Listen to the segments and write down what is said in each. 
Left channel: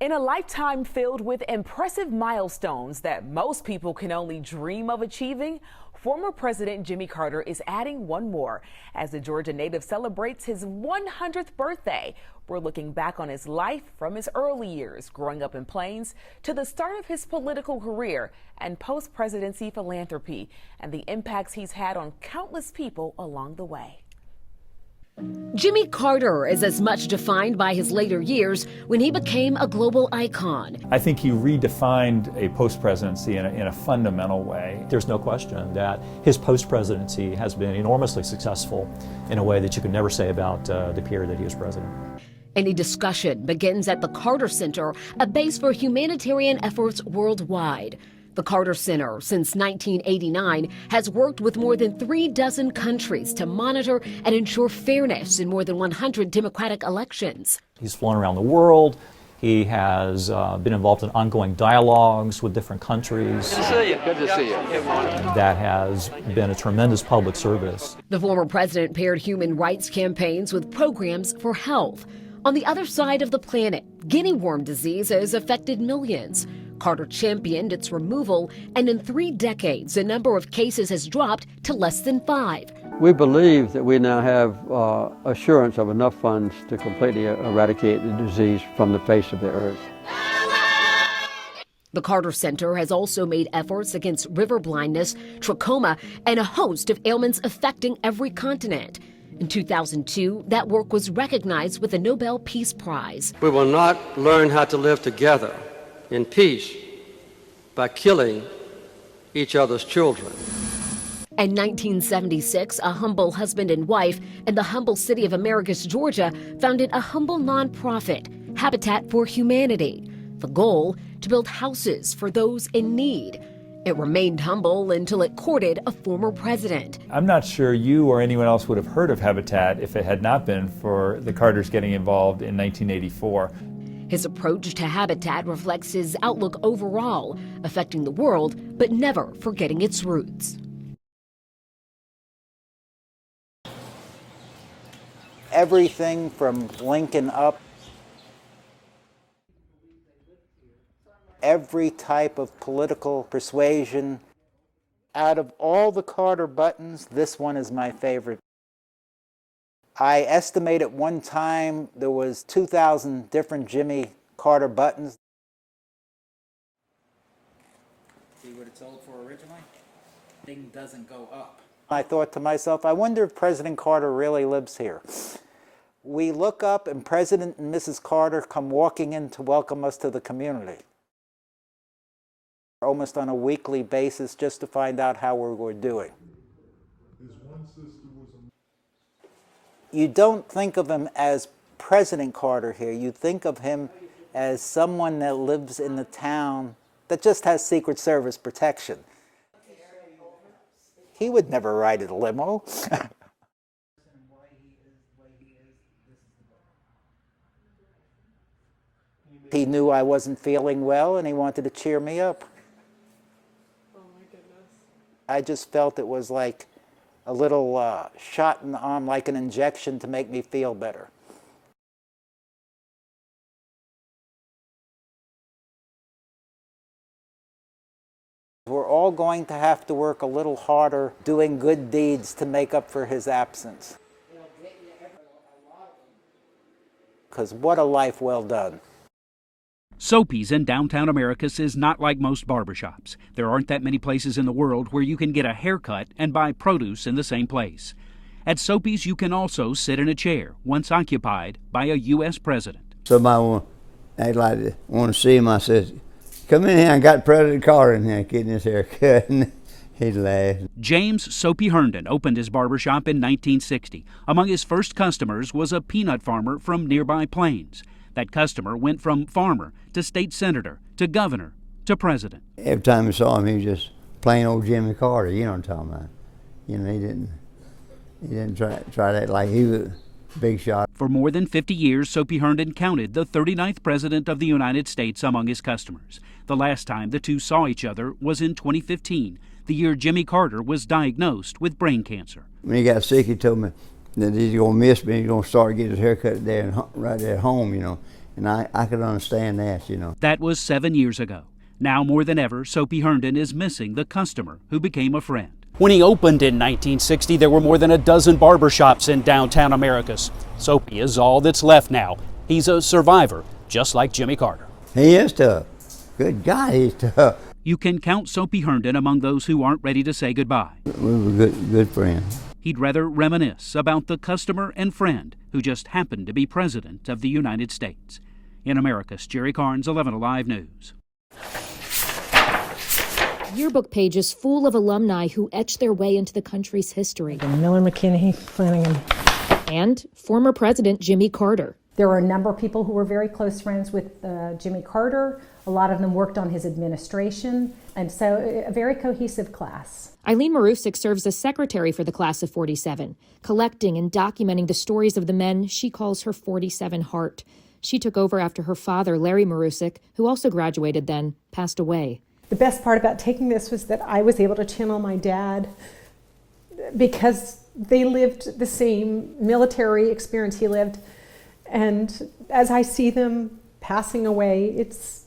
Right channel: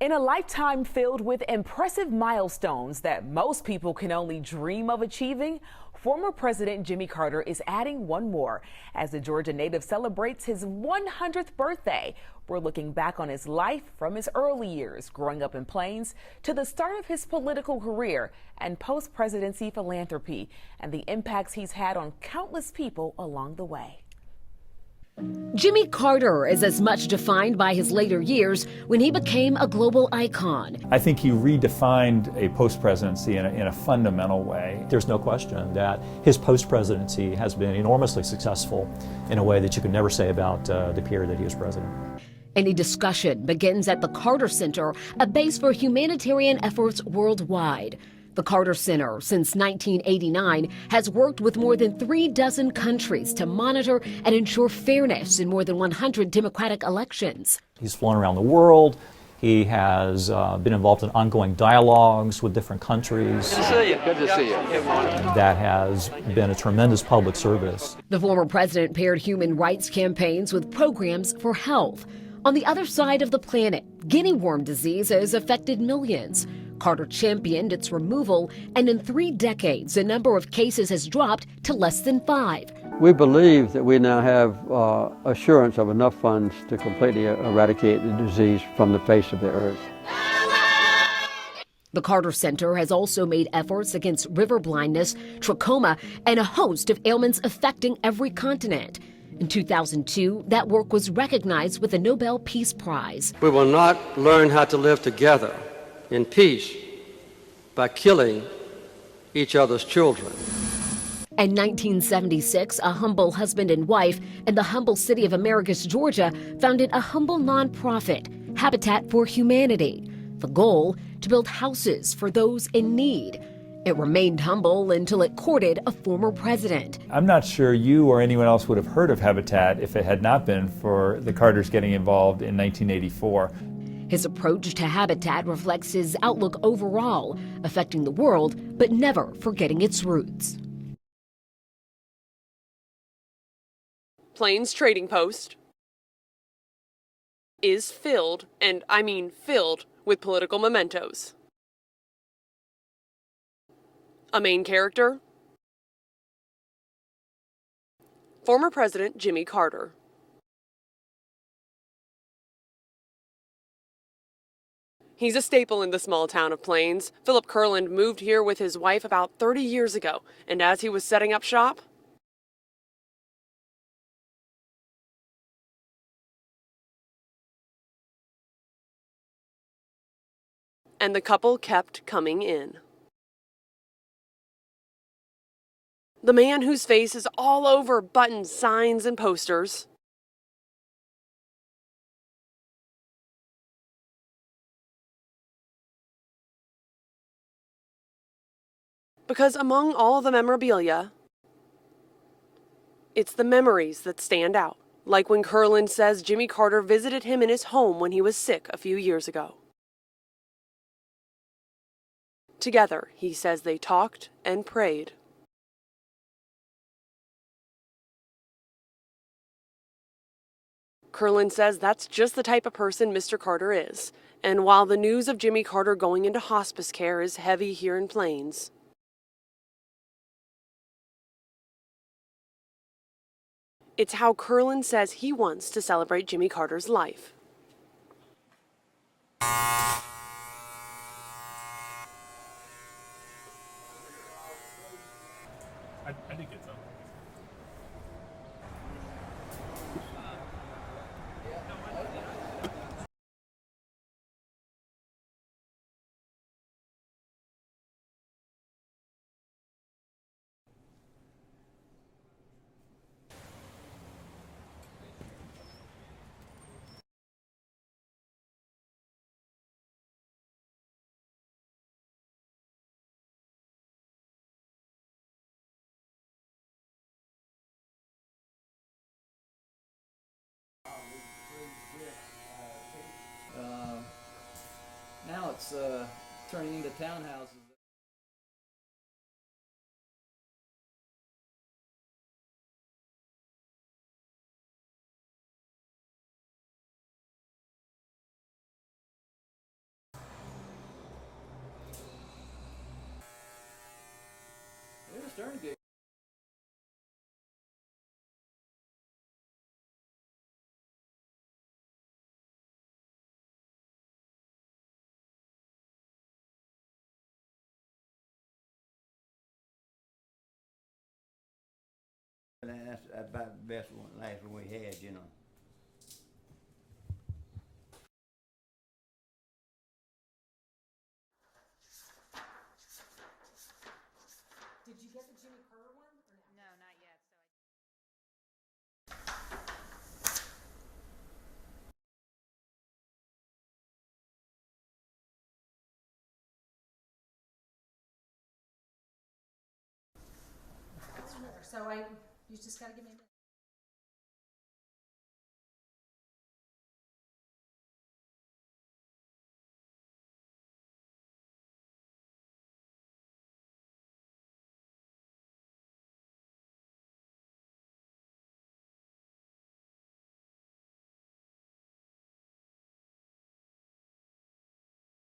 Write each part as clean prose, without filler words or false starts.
In a lifetime filled with impressive milestones that most people can only dream of achieving, former President Jimmy Carter is adding one more. As the Georgia native celebrates his 100th birthday, we're looking back on his life from his early years, growing up in Plains, to the start of his political career and post-presidency philanthropy, and the impacts he's had on countless people along the way. Jimmy Carter is as much defined by his later years when he became a global icon. I think he redefined a post-presidency in a fundamental way. There's no question that his post-presidency has been enormously successful in a way that you could never say about the period that he was president. Any discussion begins at the Carter Center, a base for humanitarian efforts worldwide. The Carter Center, since 1989, has worked with more than 36 countries to monitor and ensure fairness in more than 100 democratic elections. He's flown around the world. He has been involved in ongoing dialogues with different countries. Good to see you. Good to see you. That has been a tremendous public service. The former president paired human rights campaigns with programs for health. On the other side of the planet, guinea worm disease has affected millions. Carter championed its removal, and in 3 decades, the number of cases has dropped to less than 5. We believe that we now have assurance of enough funds to completely eradicate the disease from the face of the earth. The Carter Center has also made efforts against river blindness, trachoma, and a host of ailments affecting every continent. In 2002, that work was recognized with the Nobel Peace Prize. We will not learn how to live together in peace by killing each other's children. In 1976, a humble husband and wife in the humble city of Americus, Georgia, founded a humble nonprofit, Habitat for Humanity. The goal, to build houses for those in need. It remained humble until it courted a former president. I'm not sure you or anyone else would have heard of Habitat if it had not been for the Carters getting involved in 1984. His approach to Habitat reflects his outlook overall, affecting the world, but never forgetting its roots. Plains Trading Post. Everything from Lincoln up Is filled, and I mean filled, with political mementos. every type of political persuasion. A main character, Out of all the Carter buttons, this one is my favorite. former President Jimmy Carter. I estimate at one time there was 2,000 different Jimmy Carter buttons. He's a staple in the small town of Plains. Philip Kurland moved here with his wife about 30 years ago, and as he was setting up shop, I thought to myself, I wonder if President Carter really lives here. We look up and President and Mrs. Carter come walking in to welcome us to the community, and the couple kept coming in. almost on a weekly basis, just to find out how we were doing. The man whose face is all over buttons, signs, and posters. You don't think of him as President Carter here. You think of him as someone that lives in the town that just has Secret Service protection. Because among all the memorabilia, He would never ride a limo. it's the memories that stand out. Like when Kurland says Jimmy Carter visited him in his home when he was sick a few years ago. He knew I wasn't feeling well and he wanted to cheer me up. Together, he says they talked and prayed. I just felt it was like a little shot in the arm, like an injection to make me feel better. Kurland says that's just the type of person Mr. Carter is. And while the news of Jimmy Carter going into hospice care is heavy here in Plains, We're all going to have to work a little harder doing good deeds to make up for his absence. it's how Kurland says he wants to celebrate Jimmy Carter's life. Because what a life well done. Soapy's in downtown Americus is not like most barbershops. There aren't that many places in the world where you can get a haircut and buy produce in the same place. At Soapy's, you can also sit in a chair, once occupied by a U.S. president. Somebody want to see him. I said, "Come in here. I got President Carter in here getting his hair cut." And he laughed. James Soapy Herndon opened his barbershop in 1960. Among his first customers was a peanut farmer from nearby Plains. That customer went from farmer to state senator to governor to president. Every time I saw him, he was just plain old Jimmy Carter. You know what I'm talking about? You know, he didn't try that like he was a big shot. For more than 50 years, Soapy Herndon counted the 39th president of the United States among his customers. The last time the two saw each other was in 2015, the year Jimmy Carter was diagnosed with brain cancer. When he got sick, he told me that he's going to miss me. He's going to start getting his hair cut there and right there at home, you know. And I could understand that, you know. That was 7 years ago. Now more than ever, Soapy Herndon is missing the customer who became a friend. When he opened in 1960, there were more than a dozen barbershops in downtown Americus. Soapy is all that's left now. He's a survivor, just like Jimmy Carter. He is tough. Good God, he's tough. You can count Soapy Herndon among those who aren't ready to say goodbye. We were good friends. He'd rather reminisce about the customer and friend who just happened to be President of the United States. In Americus, Jerry Carnes, 11 Alive News. Yearbook pages full of alumni who etched their way into the country's history. Miller, McKinney, Flanagan. And former President Jimmy Carter. There were a number of people who were very close friends with Jimmy Carter. A lot of them worked on his administration, and so a very cohesive class. Eileen Marusic serves as secretary for the class of 47, collecting and documenting the stories of the men she calls her 47 heart. She took over after her father, Larry Marusic, who also graduated then, passed away. The best part about taking this was that I was able to channel my dad because they lived the same military experience he lived. And as I see them passing away, it's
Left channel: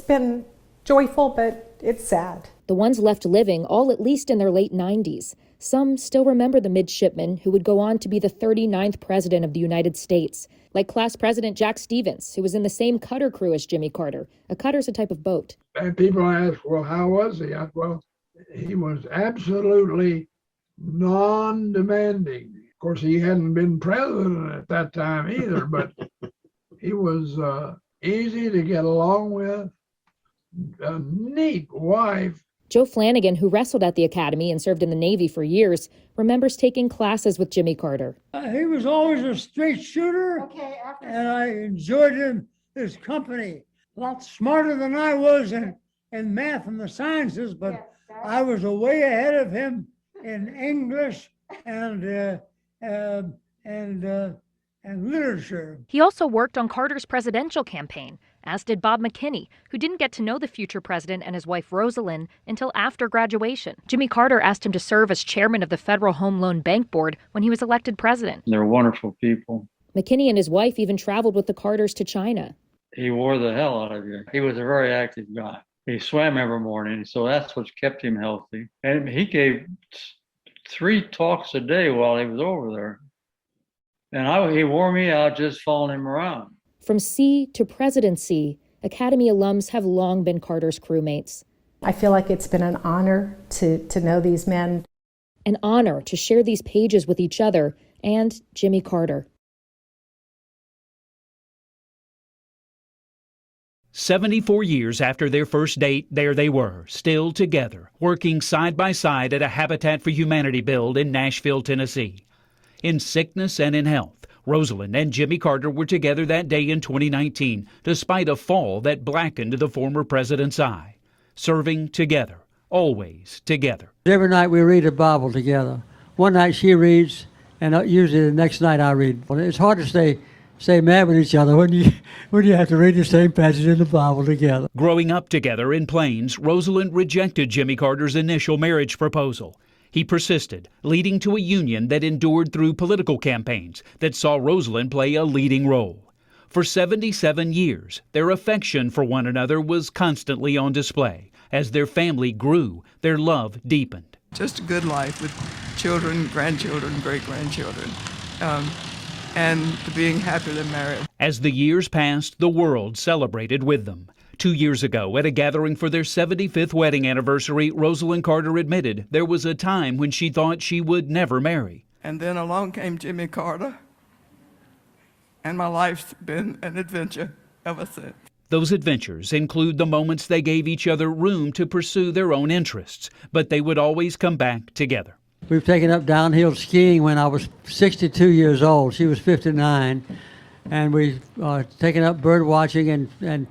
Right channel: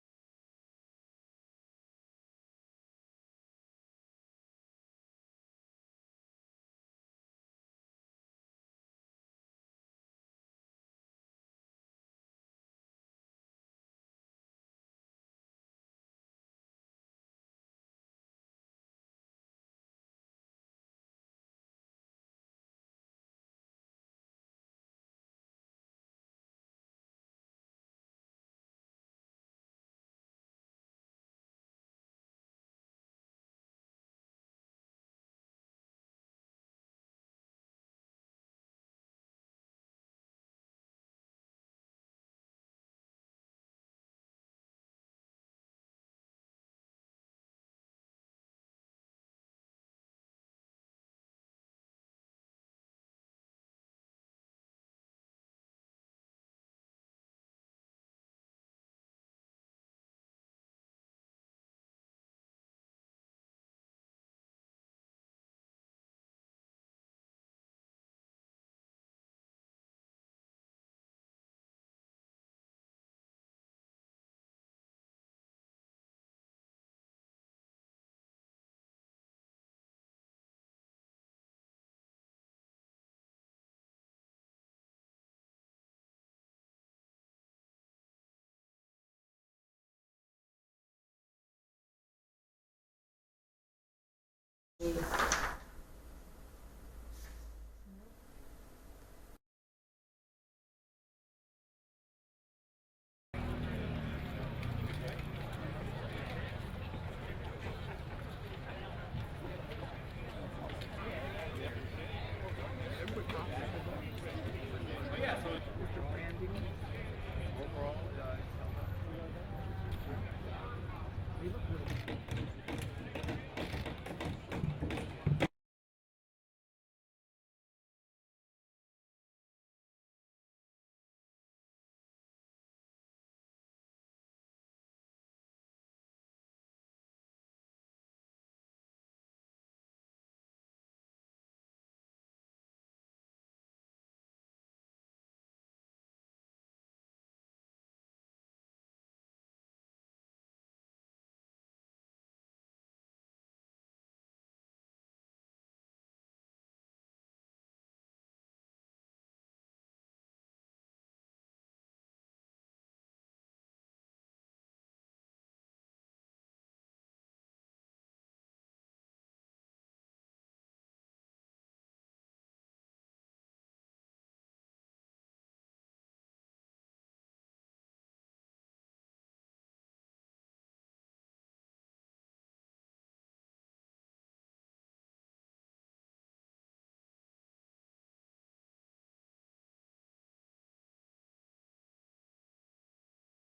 been joyful, but it's sad. The ones left living, all at least in their late 90s. Some still remember the midshipman who would go on to be the 39th president of the United States, like class president Jack Stevens, who was in the same cutter crew as Jimmy Carter. A cutter's a type of boat. And people ask, well, how was he? Well, he was absolutely non-demanding. Of course, he hadn't been president at that time either, but he was easy to get along with, a neat wife. Joe Flanagan, who wrestled at the academy and served in the Navy for years, remembers taking classes with Jimmy Carter. He was always a straight shooter, and I enjoyed his company. A lot smarter than I was in math and the sciences, but I was way ahead of him in English and literature. He also worked on Carter's presidential campaign, as did Bob McKinney, who didn't get to know the future president and his wife Rosalynn until after graduation. Jimmy Carter asked him to serve as chairman of the Federal Home Loan Bank Board when he was elected president. They're wonderful people. McKinney and his wife even traveled with the Carters to China. He wore the hell out of you. He was a very active guy. He swam every morning, so that's what kept him healthy. And he gave 3 talks a day while he was over there. And he wore me out just following him around. From sea to presidency, Academy alums have long been Carter's crewmates. I feel like it's been an honor to know these men. An honor to share these pages with each other and Jimmy Carter. 74 years after their first date, there they were, still together, working side by side at a Habitat for Humanity build in Nashville, Tennessee. In sickness and in health, Rosalynn and Jimmy Carter were together that day in 2019, despite a fall that blackened the former president's eye. Serving together, always together. Every night we read the Bible together. One night she reads, and usually the next night I read. Well, it's hard to stay mad with each other when you have to read the same passage in the Bible together. Growing up together in Plains, Rosalynn rejected Jimmy Carter's initial marriage proposal. He persisted, leading to a union that endured through political campaigns that saw Rosalynn play a leading role. For 77 years, their affection for one another was constantly on display. As their family grew, their love deepened. Just a good life with children, grandchildren, great-grandchildren, and being happily married. As the years passed, the world celebrated with them. 2 years ago, at a gathering for their 75th wedding anniversary, Rosalynn Carter admitted there was a time when she thought she would never marry. And then along came Jimmy Carter, and my life's been an adventure ever since. Those adventures include the moments they gave each other room to pursue their own interests, but they would always come back together. We've taken up downhill skiing when I was 62 years old. She was 59. And we've taken up bird watching and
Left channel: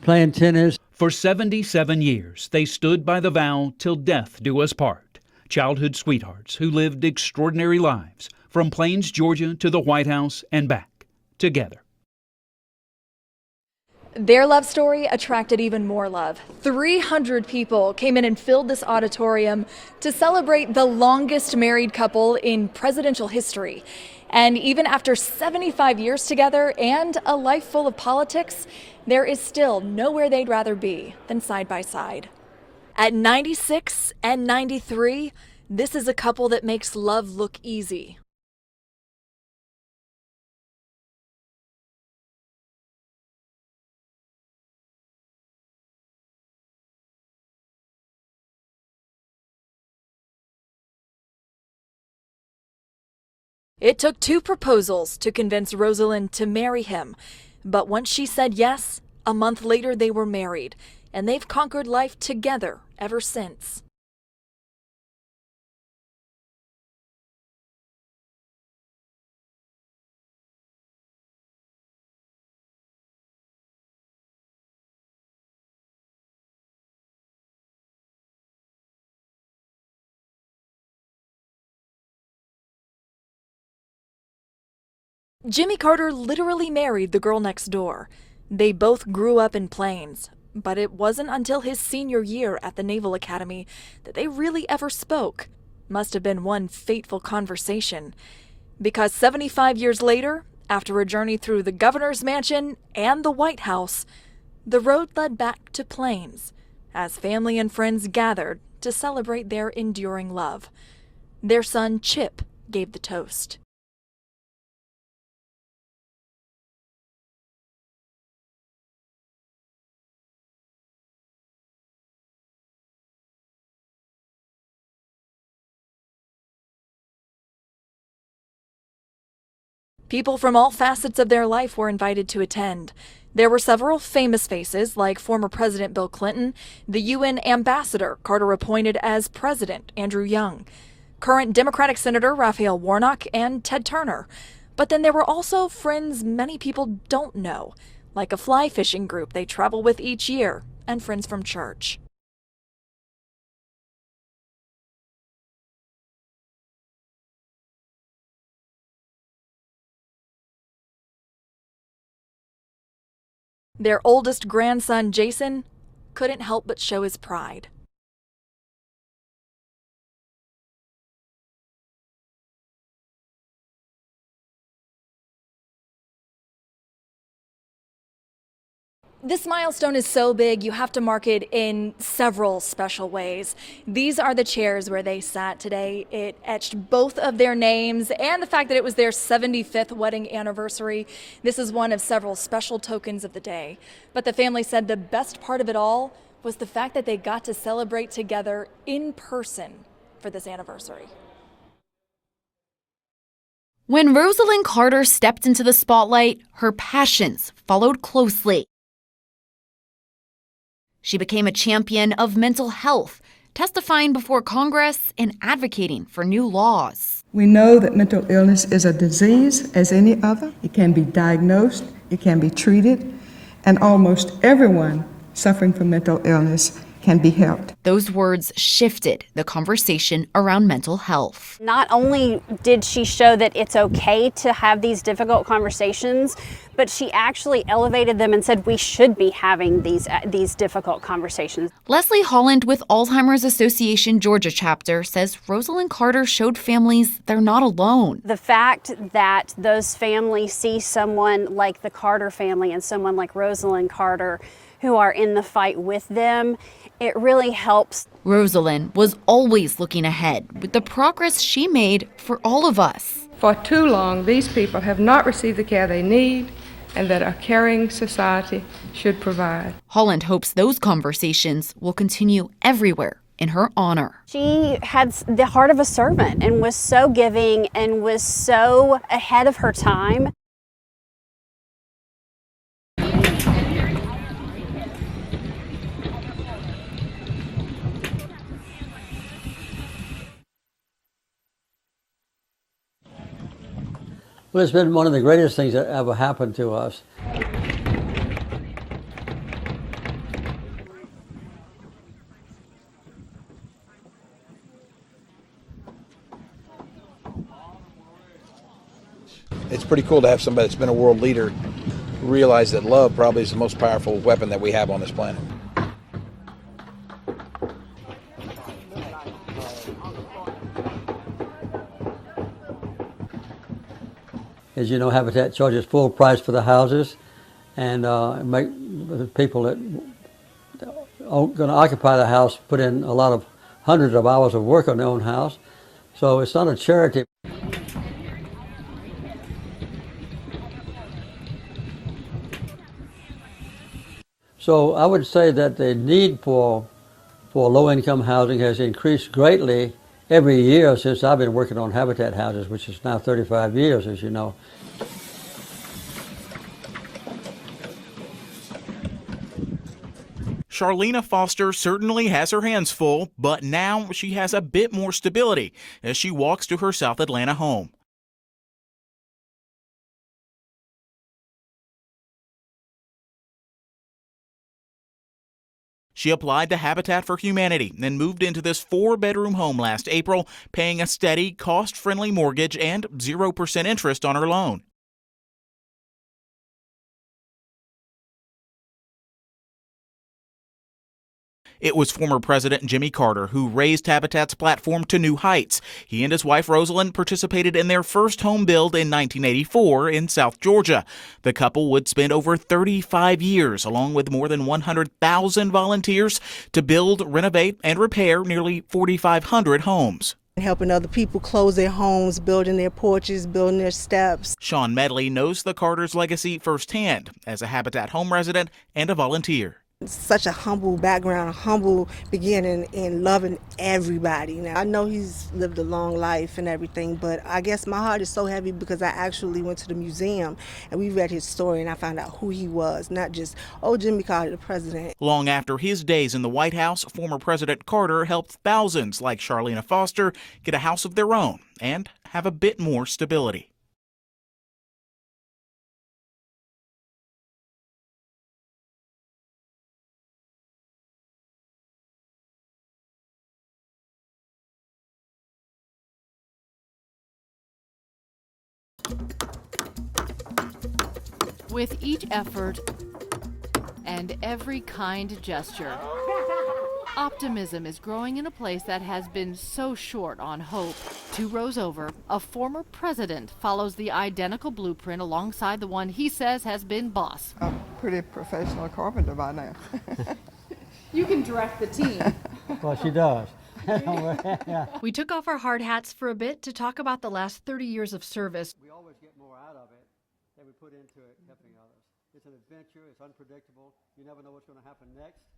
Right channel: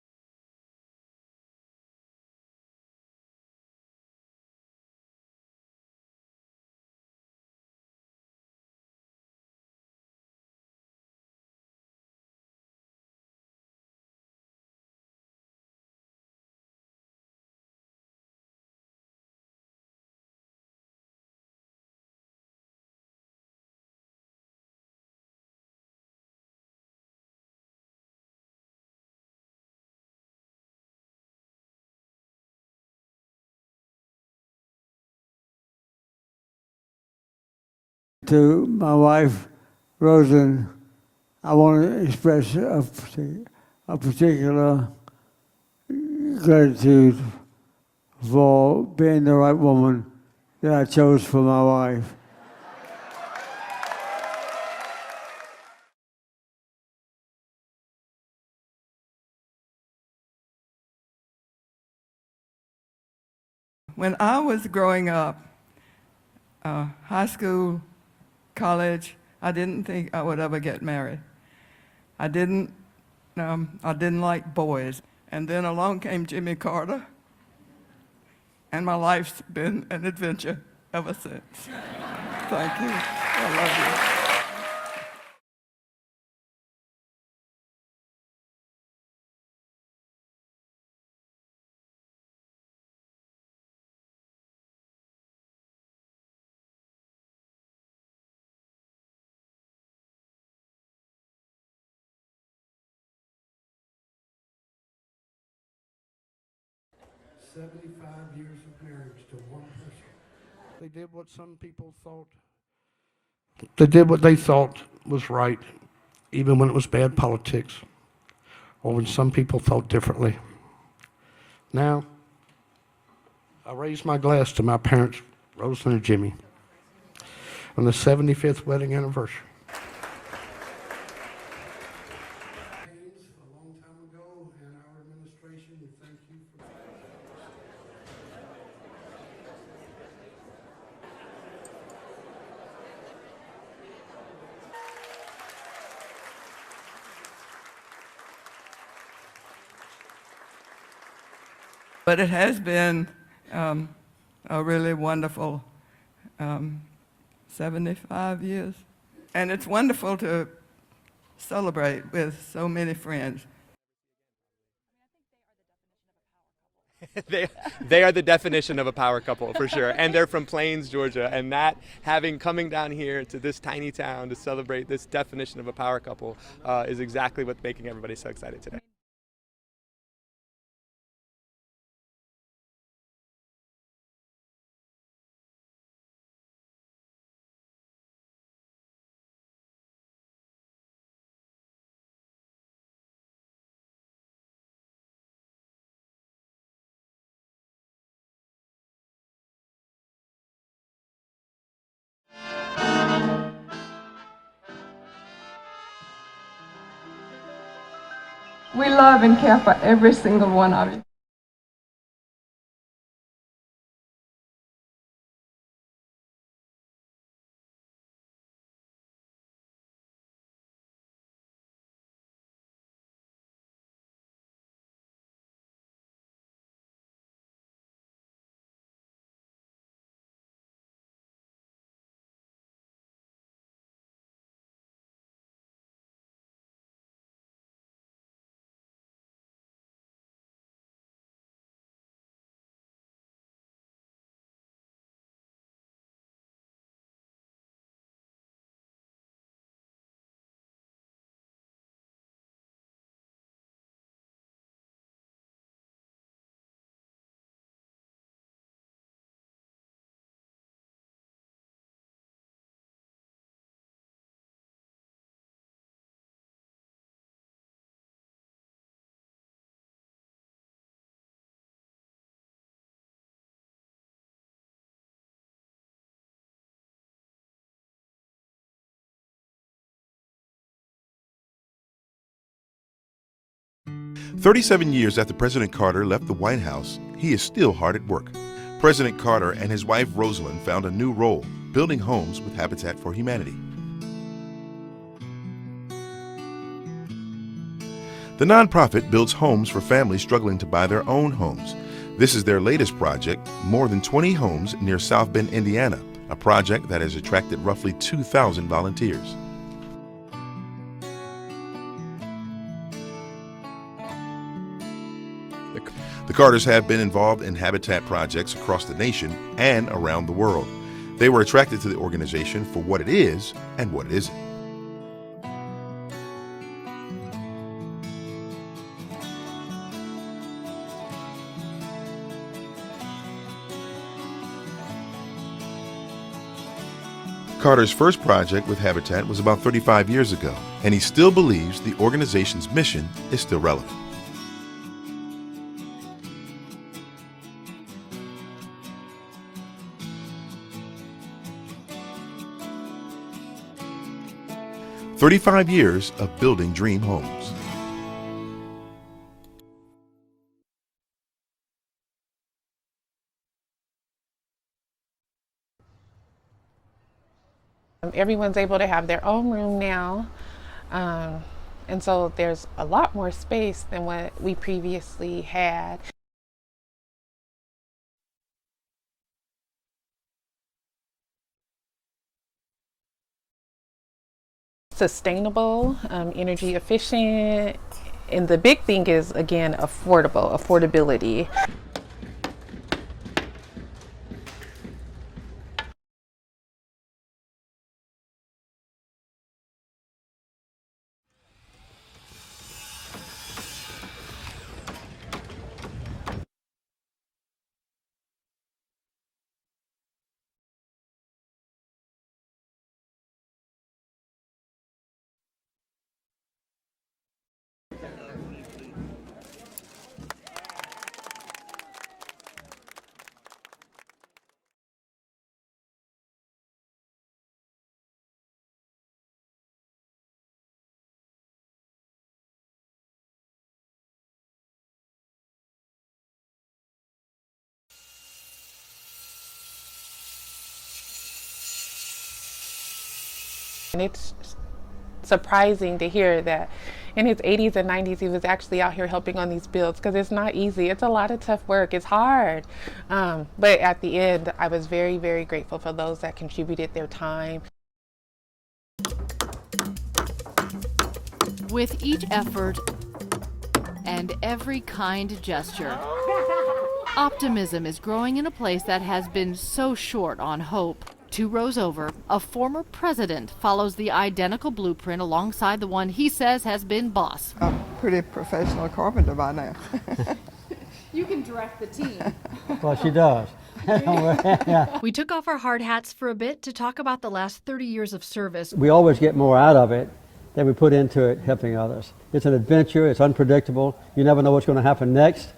playing tennis. For 77 years, they stood by the vow, till death do us part. Childhood sweethearts who lived extraordinary lives, from Plains, Georgia to the White House and back, together. Their love story attracted even more love. 300 people came in and filled this auditorium to celebrate the longest married couple in presidential history. And even after 75 years together and a life full of politics, there is still nowhere they'd rather be than side by side. At 96 and 93, this is a couple that makes love look easy. To my wife, Rosalynn, I want to express a particular gratitude for being the right woman that I chose for my wife. It took 2 proposals to convince Rosalynn to marry him. But once she said yes, a month later they were married. And they've conquered life together ever since. When I was growing up, high school, college, I didn't think I would ever get married. I didn't like boys. And then along came Jimmy Carter, and my life's been an adventure ever since. Thank you. I love you. Jimmy Carter literally married the girl next door. They both grew up in Plains, but it wasn't until his senior year at the Naval Academy that they really ever spoke. Must have been one fateful conversation. Because 75 years later, after a journey through the governor's mansion and the White House, the road led back to Plains as family and friends gathered to celebrate their enduring love. Their son, Chip, gave the toast. They did what they thought was right, even when it was bad politics, or when some people thought differently. Now, I raise my glass to my parents, Rosalynn and Jimmy, on the 75th wedding anniversary. People from all facets of their life were invited to attend. There were several famous faces, like former President Bill Clinton, the UN ambassador Carter appointed as president, Andrew Young, current Democratic Senator Raphael Warnock, and Ted Turner. But then there were also friends many people don't know, like a fly fishing group they travel with each year, and friends from church. But it has been a really wonderful 75 years. And it's wonderful to celebrate with so many friends. Their oldest grandson, Jason, couldn't help but show his pride. They are the definition of a power couple, for sure. And they're from Plains, Georgia. And that, coming down here to this tiny town to celebrate this definition of a power couple is exactly what's making everybody so excited today. This milestone is so big, you have to mark it in several special ways. These are the chairs where they sat today. It etched both of their names and the fact that it was their 75th wedding anniversary. This is one of several special tokens of the day. But the family said the best part of it all was the fact that they got to celebrate together in person for this anniversary. When Rosalynn Carter stepped into the spotlight, her passions followed closely. We love and care for every single one of you. She became a champion of mental health, testifying before Congress and advocating for new laws. We know that mental illness is a disease as any other. It can be diagnosed, it can be treated, and almost everyone suffering from mental illness can be helped. Those words shifted the conversation around mental health. Not only did she show that it's okay to have these difficult conversations, but she actually elevated them and said we should be having these difficult conversations. Leslie Holland with Alzheimer's Association Georgia chapter says Rosalynn Carter showed families they're not alone. The fact that those families see someone like the Carter family and someone like Rosalynn Carter who are in the fight with them, it really helps. Rosalynn was always looking ahead with the progress she made for all of us. For too long, these people have not received the care they need and that a caring society should provide. Holland hopes those conversations will continue everywhere in her honor. She had the heart of a servant and was so giving and was so ahead of her time. 37 years after President Carter left the White House, he is still hard at work. President Carter and his wife Rosalynn found a new role, building homes with Habitat for Humanity. Well, it's been one of the greatest things that ever happened to us. The nonprofit builds homes for families struggling to buy their own homes. This is their latest project, more than 20 homes near South Bend, Indiana, a project that has attracted roughly 2,000 volunteers. It's pretty cool to have somebody that's been a world leader realize that love probably is the most powerful weapon that we have on this planet. The Carters have been involved in habitat projects across the nation and around the world. They were attracted to the organization for what it is and what it isn't. As you know, Habitat charges full price for the houses and make the people that are going to occupy the house put in a lot of hundreds of hours of work on their own house. So it's not a charity. Carter's first project with Habitat was about 35 years ago, and he still believes the organization's mission is still relevant. So I would say that the need for low-income housing has increased greatly every year since I've been working on Habitat houses, which is now 35 years, as you know. 35 years of building dream homes. Charlena Foster certainly has her hands full, but now she has a bit more stability as she walks to her South Atlanta home. Everyone's able to have their own room now, and so there's a lot more space than what we previously had. She applied to Habitat for Humanity and moved into this 4-bedroom home last April, paying a steady, cost-friendly mortgage and 0% interest on her loan. Sustainable, energy efficient. And the big thing is, again, affordability. It was former President Jimmy Carter who raised Habitat's platform to new heights. He and his wife Rosalynn participated in their first home build in 1984 in South Georgia. The couple would spend over 35 years, along with more than 100,000 volunteers, to build, renovate, and repair nearly 4,500 homes. Helping other people close their homes, building their porches, building their steps. Sean Medley knows the Carter's legacy firsthand as a Habitat home resident and a volunteer. Such a humble background, a humble beginning in loving everybody. Now, I know he's lived a long life and everything, but I guess my heart is so heavy because I actually went to the museum and we read his story and I found out who he was, not just, oh, Jimmy Carter, the president. Long after his days in the White House, former President Carter helped thousands like Charlena Foster get a house of their own and have a bit more stability. And it's surprising to hear that in his 80s and 90s, he was actually out here helping on these builds because it's not easy. It's a lot of tough work. It's hard. But at the end, I was very, very grateful for those that contributed their time. With each effort and every kind gesture, optimism is growing in a place that has been so short on hope. 2 rows over, a former president follows the identical blueprint alongside the one he says has been boss. I'm a pretty professional carpenter by now. You can direct the team. Well, she does. We took off our hard hats for a bit to talk about the last 30 years of service. We always get more out of it than we put into it helping others. It's an adventure, it's unpredictable, you never know what's going to happen next,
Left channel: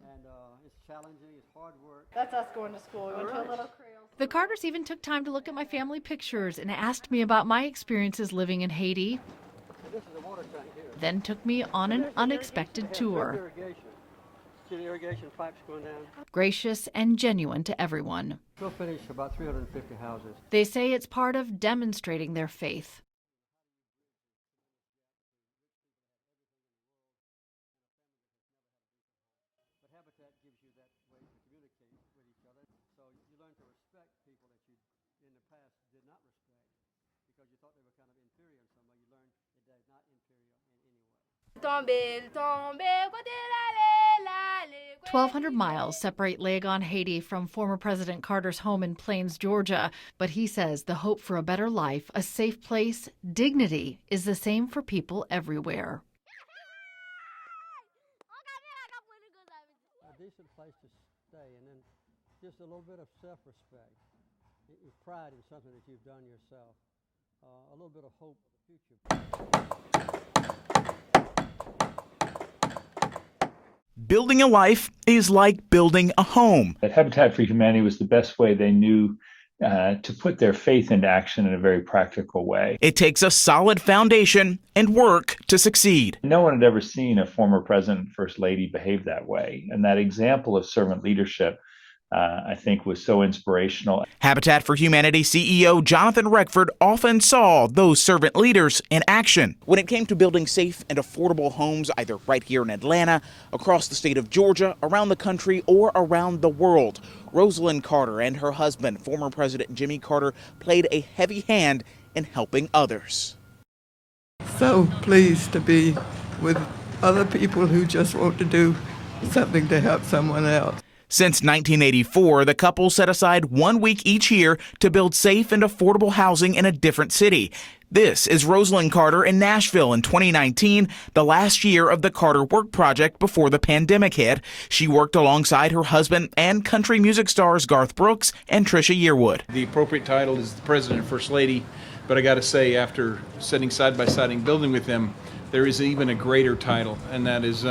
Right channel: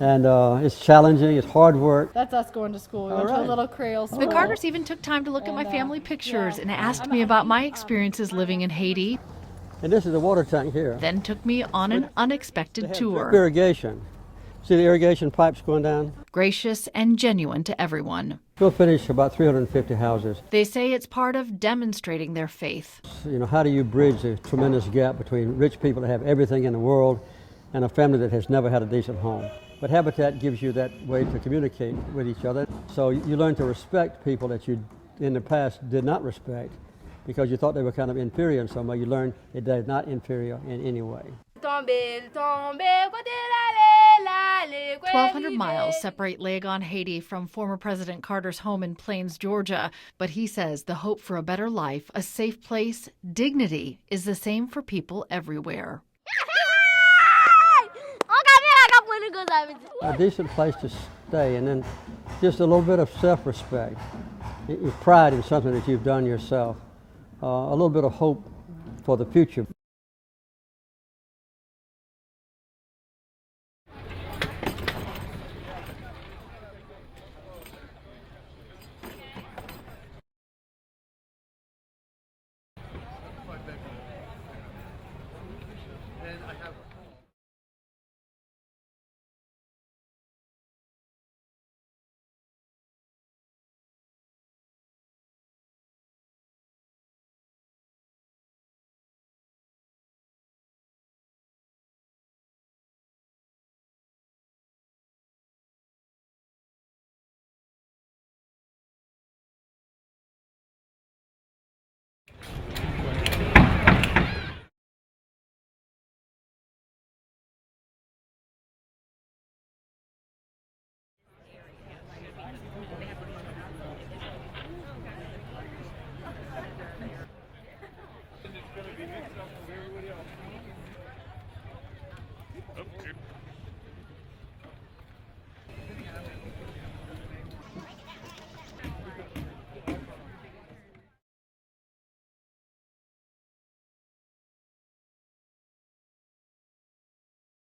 and it's challenging, it's hard work. That's us going to school. We went to a little Creole school. The Carters even took time to look at my family pictures and asked me about my experiences living in Haiti. And this is a water tank here. Then took me on an unexpected tour. Irrigation. See the irrigation pipes going down? Gracious and genuine to everyone. We'll finish about 350 houses. They say it's part of demonstrating their faith. You know, how do you bridge the tremendous gap between rich people that have everything in the world and a family that has never had a decent home? But Habitat gives you that way to communicate with each other. So you learn to respect people that you in the past did not respect because you thought they were kind of inferior in some way. You learn that they're not inferior in any way. 1,200 miles separate Legon, Haiti from former President Carter's home in Plains, Georgia. But he says the hope for a better life, a safe place, dignity is the same for people everywhere. A decent place to stay, and then just a little bit of self-respect, your pride in something that you've done yourself, a little bit of hope for the future. Building a life is like building a home. Habitat for Humanity was the best way they knew to put their faith into action in a very practical way. It takes a solid foundation and work to succeed. No one had ever seen a former president and first lady behave that way. And that example of servant leadership, I think, was so inspirational. Habitat for Humanity CEO Jonathan Reckford often saw those servant leaders in action. When it came to building safe and affordable homes, either right here in Atlanta, across the state of Georgia, around the country, or around the world, Rosalynn Carter and her husband, former President Jimmy Carter, played a heavy hand in helping others. So pleased to be with other people who just want to do something to help someone else. Since 1984, the couple set aside 1 week each year to build safe and affordable housing in a different city. This is Rosalynn Carter in Nashville in 2019, the last year of the Carter Work Project before the pandemic hit. She worked alongside her husband and country music stars Garth Brooks and Trisha Yearwood. The appropriate title is the President and First Lady, but I got to say, after sitting side by side and building with them, there is even a greater title, and that is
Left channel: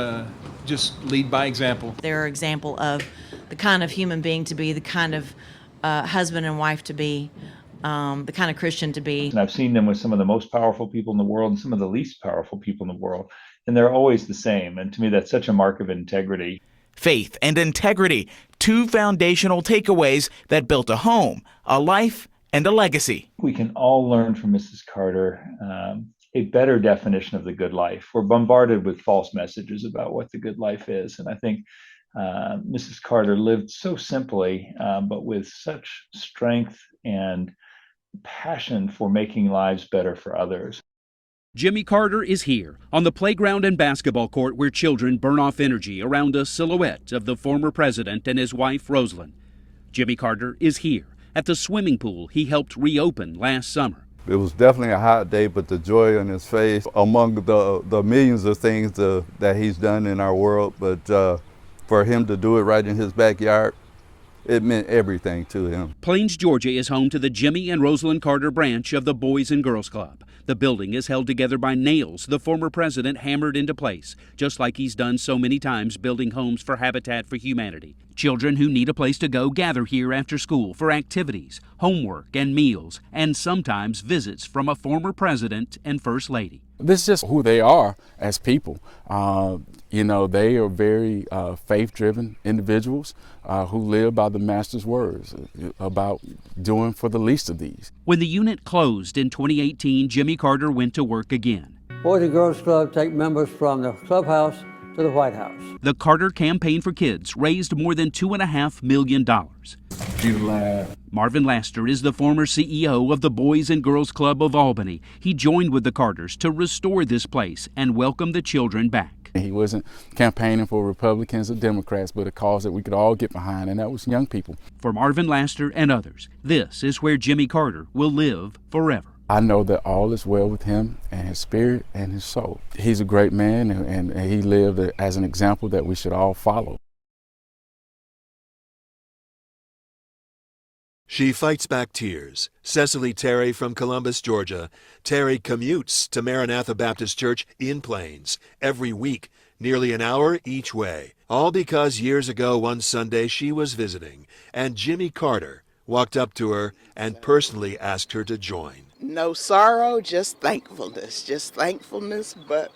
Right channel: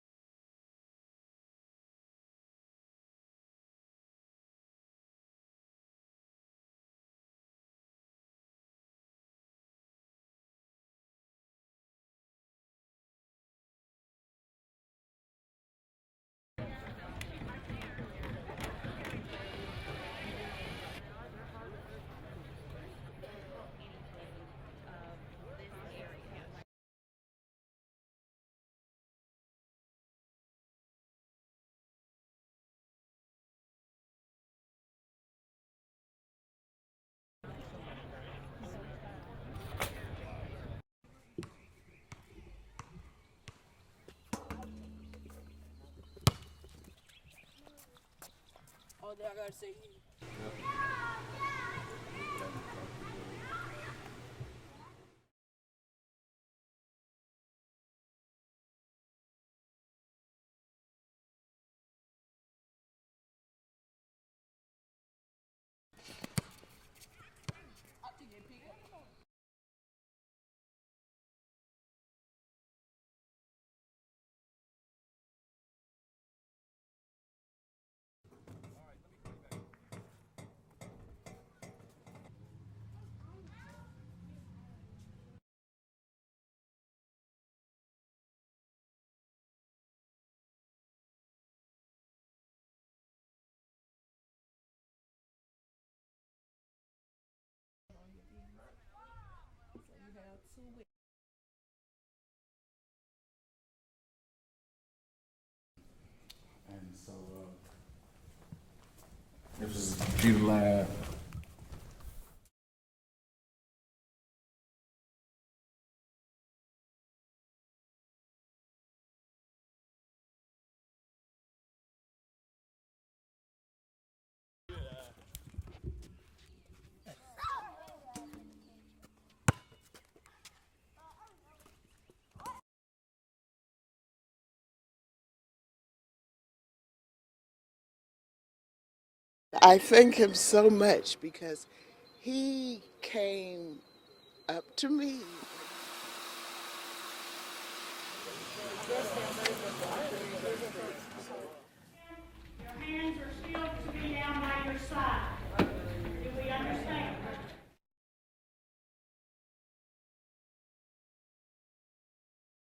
just lead by example. They're an example of the kind of human being to be, the kind of husband and wife to be, the kind of Christian to be. And I've seen them with some of the most powerful people in the world and some of the least powerful people in the world, and they're always the same. And to me, that's such a mark of integrity. Faith and integrity, two foundational takeaways that built a home, a life, and a legacy. We can all learn from Mrs. Carter a better definition of the good life. We're bombarded with false messages about what the good life is, and I think Mrs. Carter lived so simply, but with such strength and passion for making lives better for others. Jimmy Carter is here on the playground and basketball court where children burn off energy around a silhouette of the former president and his wife, Rosalynn. Jimmy Carter is here at the swimming pool he helped reopen last summer. It was definitely a hot day, but the joy on his face, among the millions of things that he's done in our world, but for him to do it right in his backyard, it meant everything to him. Plains, Georgia is home to the Jimmy and Rosalynn Carter branch of the Boys and Girls Club. The building is held together by nails the former president hammered into place, just like he's done so many times building homes for Habitat for Humanity. Children who need a place to go gather here after school for activities, homework, and meals, and sometimes visits from a former president and first lady. This is just who they are as people. You know, they are very faith-driven individuals who live by the Master's words about doing for the least of these. When the unit closed in 2018, Jimmy Carter went to work again. Boys and Girls Club take members from the clubhouse to the White House. The Carter Campaign for Kids raised more than $2.5 million. Marvin Laster is the former CEO of the Boys and Girls Club of Albany. He joined with the Carters to restore this place and welcome the children back. He wasn't campaigning for Republicans or Democrats, but a cause that we could all get behind, and that was young people. For Marvin Laster and others, this is where Jimmy Carter will live forever. I know that all is well with him and his spirit and his soul. He's a great man, and he lived as an example that we should all follow. I thank him so much. She fights back tears. Cecily Terry from Columbus, Georgia. Terry commutes to Maranatha Baptist Church in Plains every week, nearly an hour each way. All because years ago one Sunday she was visiting, and Jimmy Carter walked up to her and personally asked her to join. No sorrow, just thankfulness, but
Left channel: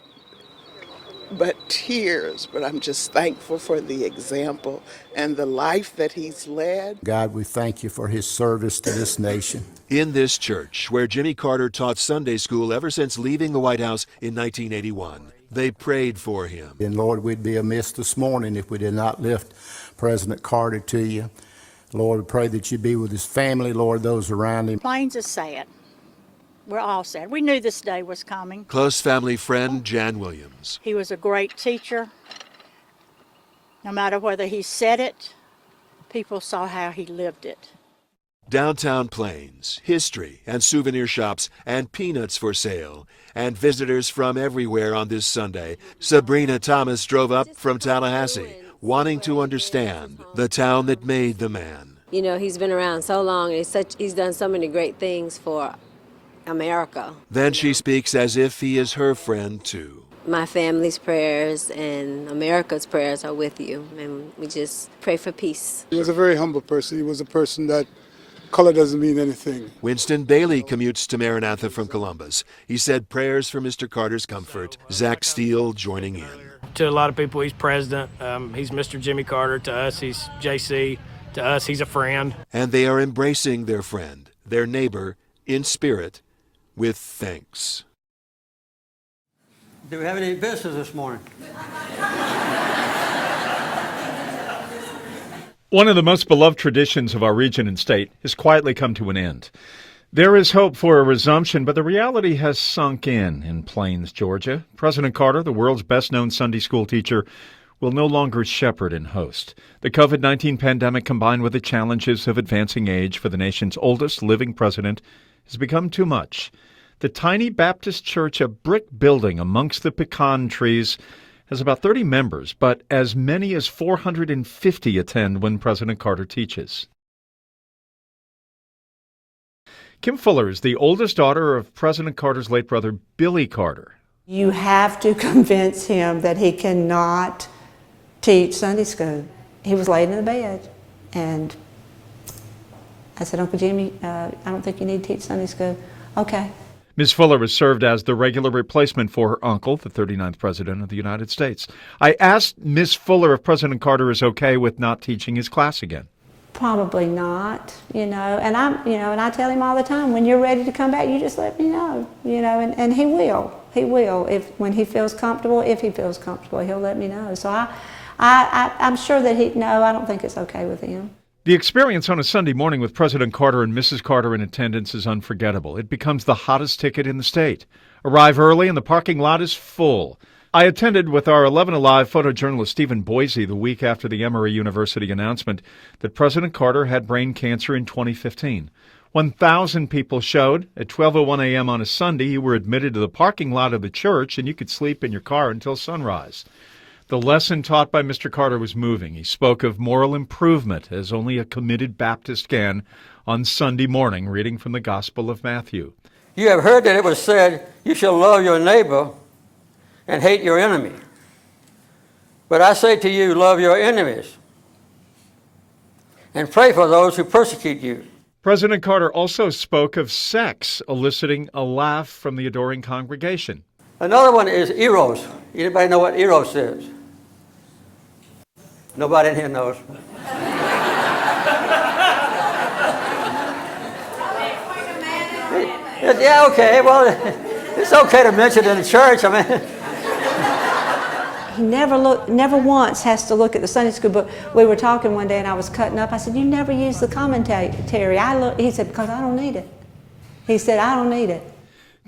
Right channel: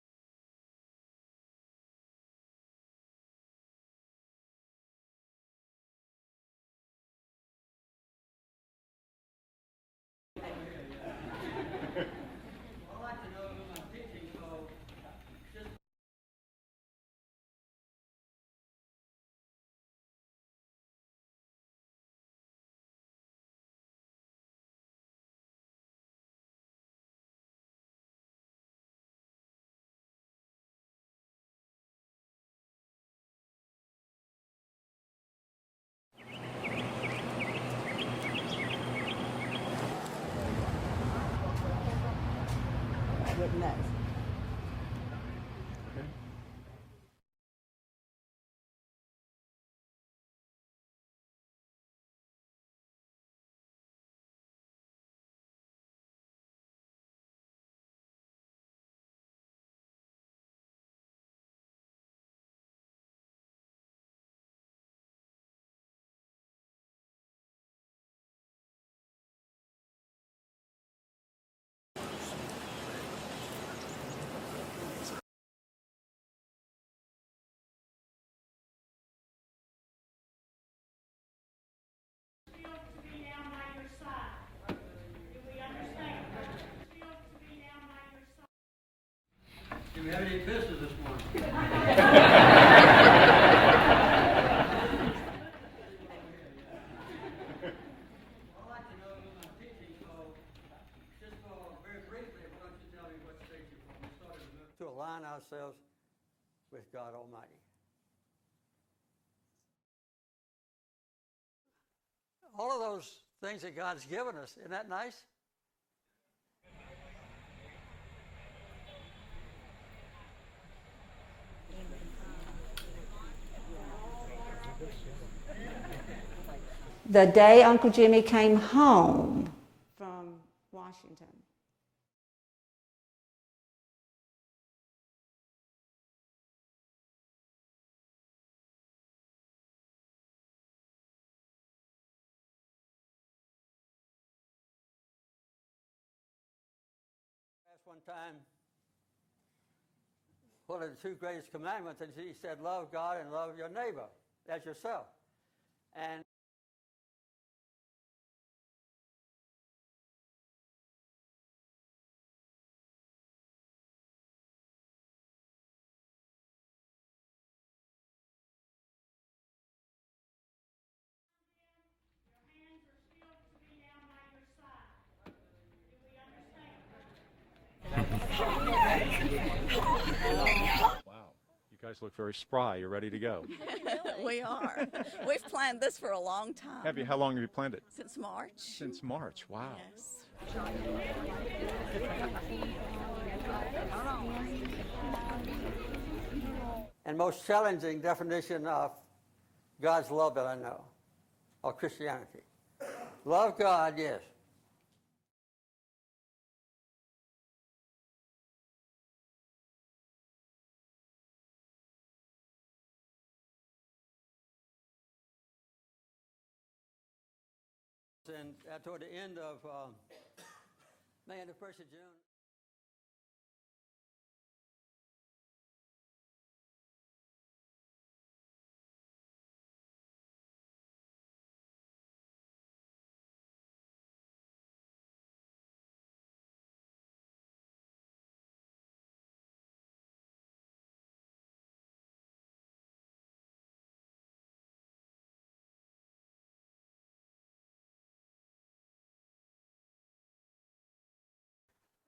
tears. But I'm just thankful for the example and the life that he's led. God, we thank you for his service to this nation. In this church, where Jimmy Carter taught Sunday school ever since leaving the White House in 1981, they prayed for him. And Lord, we'd be amiss this morning if we did not lift President Carter to you. Lord, we pray that you be with his family, Lord, those around him. Plains is sad. We're all sad. We knew this day was coming. Close family friend Jan Williams. He was a great teacher. No matter whether he said it, people saw how he lived it. Downtown Plains, history and souvenir shops and peanuts for sale. And visitors from everywhere on this Sunday. Sabrina Thomas drove up from Tallahassee, wanting to understand the town that made the man. You know, he's been around so long, and he's done so many great things for America. Then she speaks as if he is her friend too. My family's prayers and America's prayers are with you, and we just pray for peace. He was a very humble person. He was a person that color doesn't mean anything. Winston Bailey commutes to Maranatha from Columbus. He said prayers for Mr. Carter's comfort. Zach Steele joining in. To a lot of people, he's president. He's Mr. Jimmy Carter. To us, he's JC. To us, he's a friend. And they are embracing their friend, their neighbor, in spirit, with thanks. Do we have any visitors this morning? One of the most beloved traditions of our region and state has quietly come to an end. There is hope for a resumption, but the reality has sunk in Plains, Georgia. President Carter, the world's best-known Sunday school teacher, will no longer shepherd and host. The COVID-19 pandemic, combined with the challenges of advancing age for the nation's oldest living president, has become too much. The tiny Baptist church, a brick building amongst the pecan trees, has about 30 members, but as many as 450 attend when President Carter teaches. The day Uncle Jimmy came home. Kim Fuller is the oldest daughter of President Carter's late brother, Billy Carter. You have to convince him that he cannot teach Sunday school. He was laying in the bed, and I said, Uncle Jimmy, I don't think you need to teach Sunday school. Okay. Ms. Fuller has served as the regular replacement for her uncle, the 39th President of the United States. I asked Ms. Fuller if President Carter is okay with not teaching his class again. Probably not, and I tell him all the time, when you're ready to come back, you just let me know, and he will. He will. When he feels comfortable, if he feels comfortable, he'll let me know. So I'm sure that I don't think it's okay with him. The experience on a Sunday morning with President Carter and Mrs. Carter in attendance is unforgettable. It becomes the hottest ticket in the state. Arrive early and the parking lot is full. I attended with our 11 Alive photojournalist Stephen Boise the week after the Emory University announcement that President Carter had brain cancer in 2015. 1,000 people showed. At 12:01 a.m. on a Sunday, you were admitted to the parking lot of the church and you could sleep in your car until sunrise. The lesson taught by Mr. Carter was moving. He spoke of moral improvement as only a committed Baptist can on Sunday morning, reading from the Gospel of Matthew. You have heard that it was said, you shall love your neighbor and hate your enemy. But I say to you, love your enemies and pray for those who persecute you. President Carter also spoke of sex, eliciting a laugh from the adoring congregation. Another one is eros. Anybody know what eros is? Nobody in here knows. Yeah, okay. Well, it's okay to mention it in the church. I mean, he never once has to look at the Sunday school book. We were talking one day, and I was cutting up. I said, "You never use the commentary." He said, "Because I don't need it." He said, "I don't need it."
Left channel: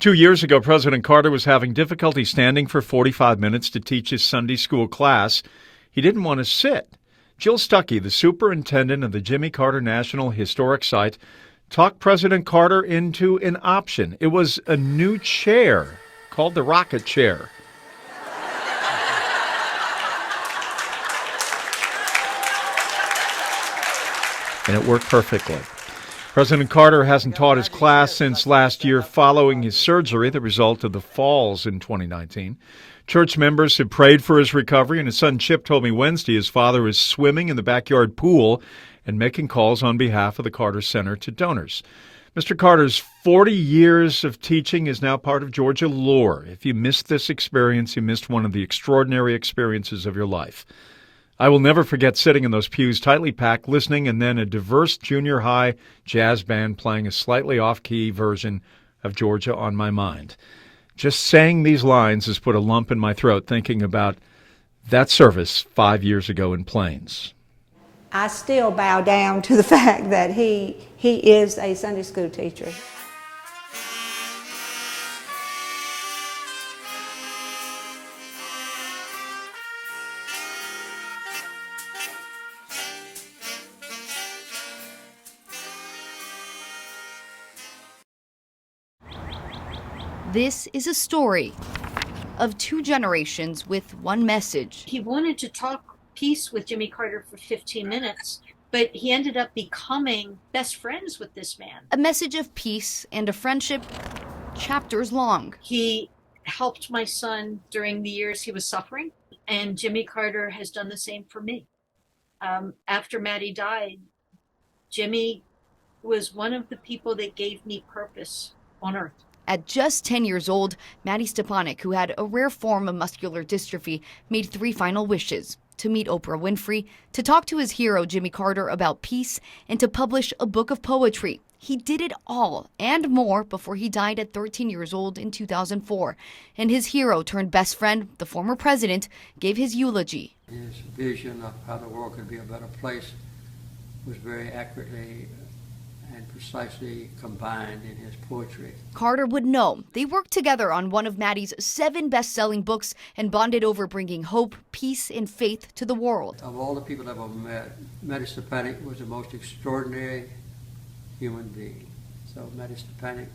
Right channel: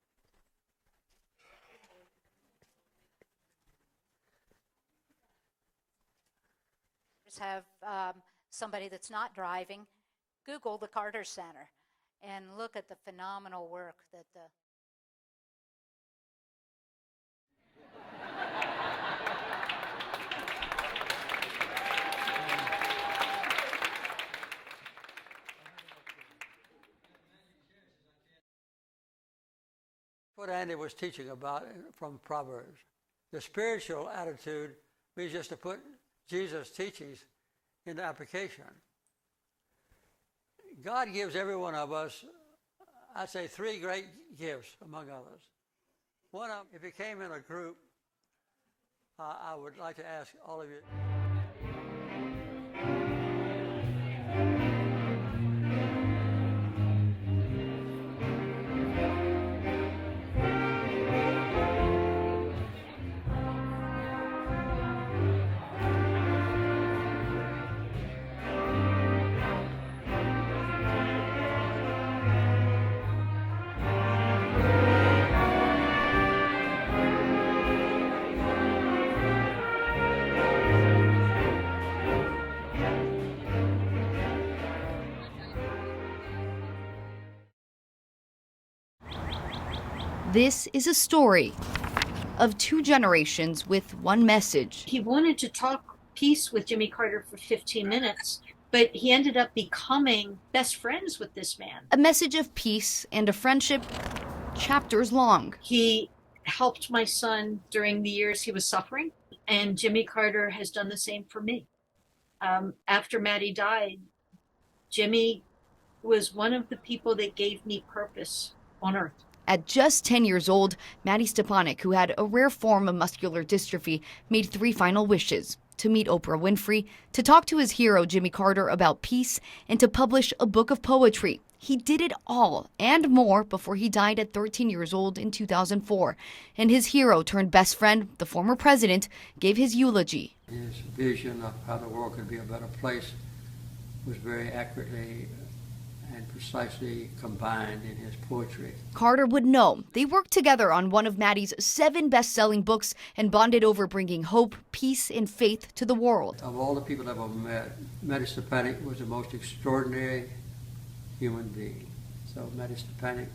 2 years ago, President Carter was having difficulty standing for 45 minutes to teach his Sunday school class. He didn't want to sit. Jill Stuckey, the superintendent of the Jimmy Carter National Historic Site, talked President Carter into an option. It was a new chair called the rocket chair. And it worked perfectly. President Carter hasn't taught his class since last year following his surgery, the result of the falls in 2019. Church members have prayed for his recovery, and his son Chip told me Wednesday his father is swimming in the backyard pool and making calls on behalf of the Carter Center to donors. Mr. Carter's 40 years of teaching is now part of Georgia lore. If you missed this experience, you missed one of the extraordinary experiences of your life. I will never forget sitting in those pews tightly packed, listening, and then a diverse junior high jazz band playing a slightly off-key version of Georgia on My Mind. Just saying these lines has put a lump in my throat thinking about that service 5 years ago in Plains. I still bow down to the fact that he is a Sunday school teacher. This is a story of two generations with one message. He wanted to talk peace with Jimmy Carter for 15 minutes, but he ended up becoming best friends with this man. A message of peace and a friendship chapters long. He helped my son during the years he was suffering, and Jimmy Carter has done the same for me. After Maddie died, Jimmy was one of the people that gave me purpose on earth. At just 10 years old, Maddie Stepanek, who had a rare form of muscular dystrophy, made 3 final wishes: to meet Oprah Winfrey, to talk to his hero Jimmy Carter about peace, and to publish a book of poetry. He did it all and more before he died at 13 years old in 2004. And his hero turned best friend, the former president, gave his eulogy. His vision of how the world could be a better place was very accurately and precisely combined in his poetry. Carter would know. They worked together on one of Maddie's 7 best-selling books and bonded over bringing hope, peace, and faith to the world. Of all the people I've ever met, Maddie Stepanek was the most extraordinary human being. So Maddie Stepanek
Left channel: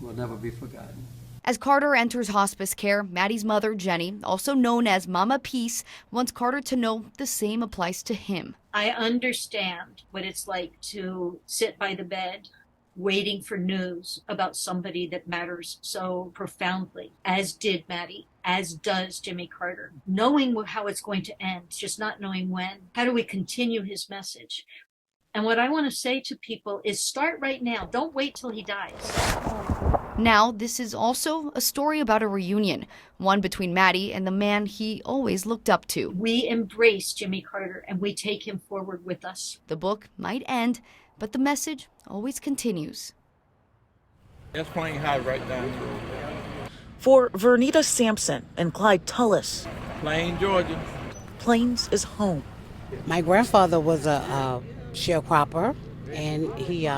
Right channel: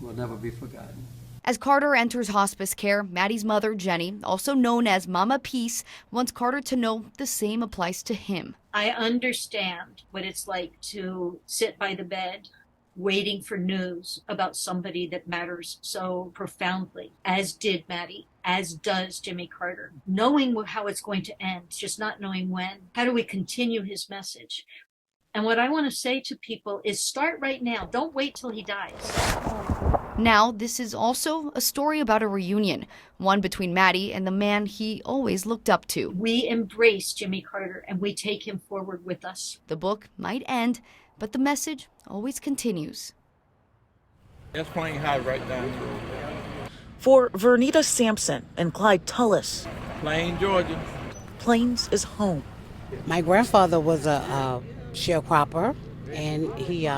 will never be forgotten. As Carter enters hospice care, Maddie's mother, Jenny, also known as Mama Peace, wants Carter to know the same applies to him. I understand what it's like to sit by the bed waiting for news about somebody that matters so profoundly, as did Maddie, as does Jimmy Carter. Knowing how it's going to end, just not knowing when. How do we continue his message? And what I want to say to people is start right now. Don't wait till he dies. Now, this is also a story about a reunion, one between Maddie and the man he always looked up to. We embrace Jimmy Carter and we take him forward with us. The book might end, but the message always continues. It's playing high right now. For Vernita Sampson and Clyde Tullis, Plains, Georgia. Plains is home. My grandfather was a sharecropper, and he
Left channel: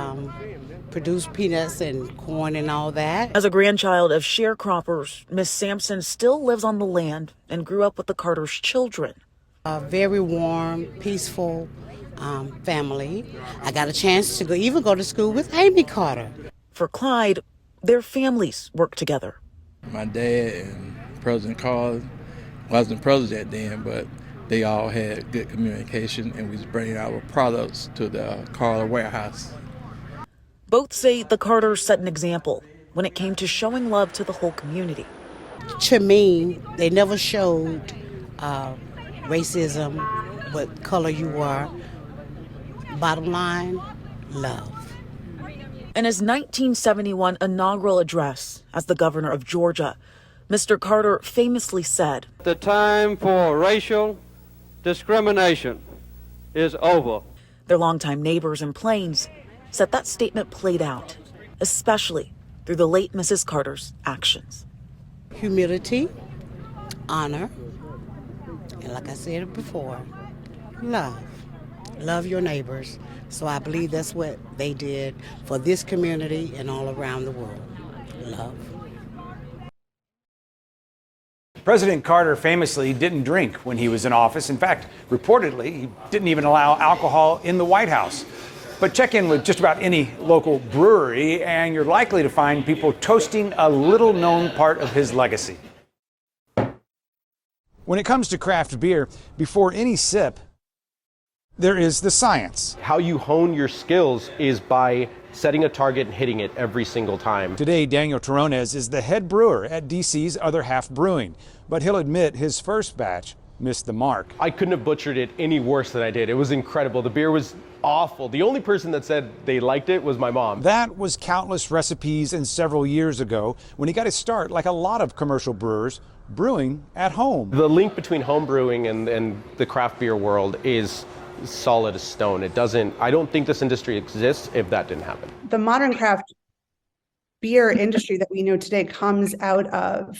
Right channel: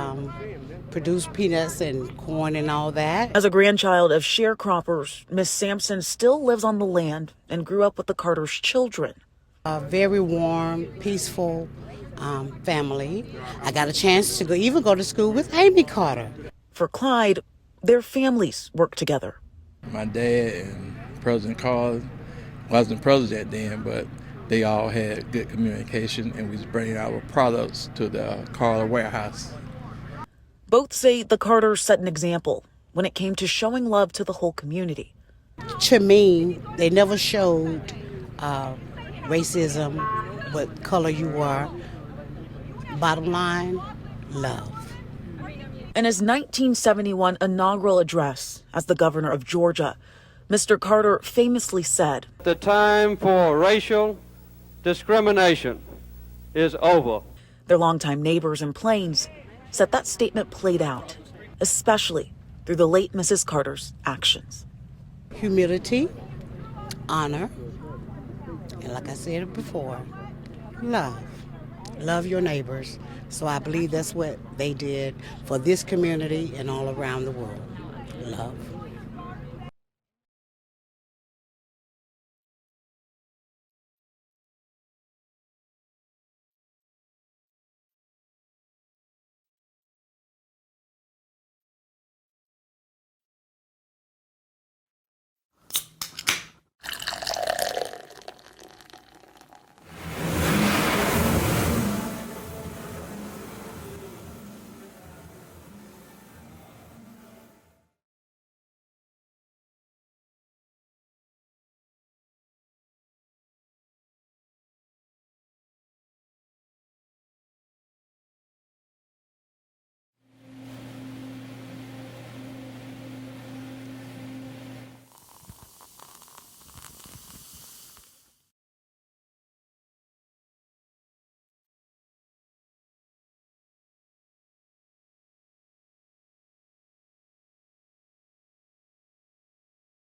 produced peanuts and corn and all that. As a grandchild of sharecroppers, Miss Sampson still lives on the land and grew up with the Carter's children. A very warm, peaceful family. I got a chance to even go to school with Amy Carter. For Clyde, their families work together. My dad and President Carter wasn't president then, but they all had good communication, and we was bringing our products to the Carter warehouse. Both say the Carters set an example when it came to showing love to the whole community. To me, they never showed racism, what color you were. Bottom line, love. In his 1971 inaugural address as the governor of Georgia, Mr. Carter famously said, "The time for racial discrimination is over." Their longtime neighbors in Plains said that statement played out, especially through the late Mrs. Carter's actions. Humility, honor, and like I said before, love. Love your neighbors. So I believe that's what they did for this community and all around the world. Love. President Carter famously didn't drink when he was in office. In fact, reportedly, he didn't even allow alcohol in the White House. But check in with just about any local brewery, and you're likely to find people toasting a little-known part of his legacy. When it comes to craft beer, before any sip, there is the science. How you hone your skills is by setting a target and hitting it every single time. Today, Daniel Terronez is the head brewer at DC's Other Half Brewing, but he'll admit his first batch missed the mark. I couldn't have butchered it any worse than I did. It was incredible. The beer was awful. The only person that said they liked it was my mom. That was countless recipes and several years ago when he got his start, like a lot of commercial brewers, brewing at home. The link between home brewing and the craft beer world is solid as stone. I don't think this industry exists if that didn't happen. The modern craft beer industry that we know today comes out of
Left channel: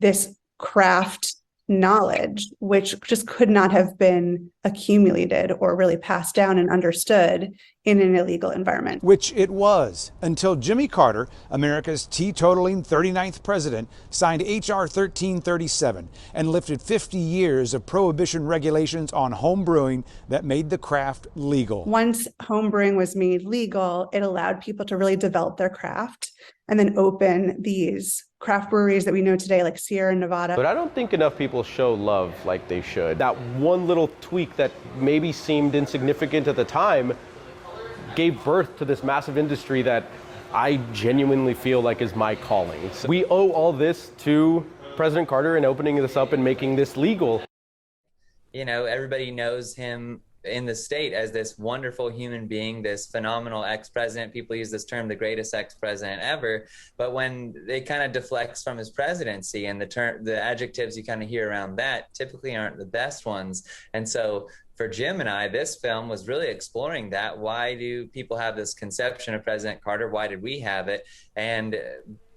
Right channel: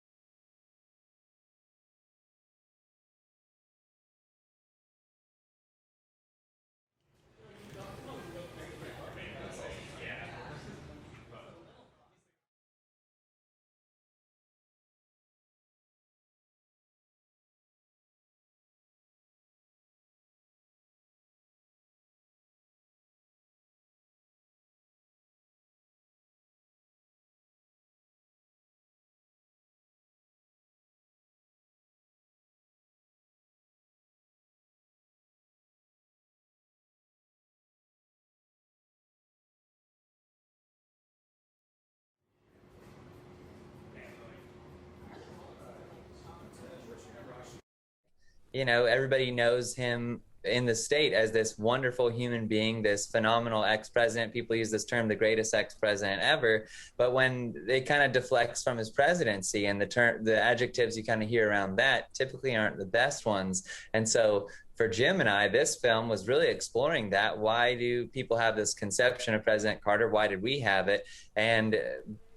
this craft knowledge, which just could not have been accumulated or really passed down and understood in an illegal environment. Which it was, until Jimmy Carter, America's teetotaling 39th president, signed H.R. 1337 and lifted 50 years of prohibition regulations on home brewing that made the craft legal. Once home brewing was made legal, it allowed people to really develop their craft and then open these craft breweries that we know today, like Sierra Nevada. But I don't think enough people show love like they should. That one little tweak that maybe seemed insignificant at the time gave birth to this massive industry that I genuinely feel like is my calling. So we owe all this to President Carter and opening this up and making this legal. You know, everybody knows him in the state as this wonderful human being, this phenomenal ex-president. People use this term, the greatest ex-president ever. But when it kind of deflects from his presidency and the adjectives you kind of hear around that typically aren't the best ones. And so for Jim and I, this film was really exploring that. Why do people have this conception of President Carter? Why did we have it? And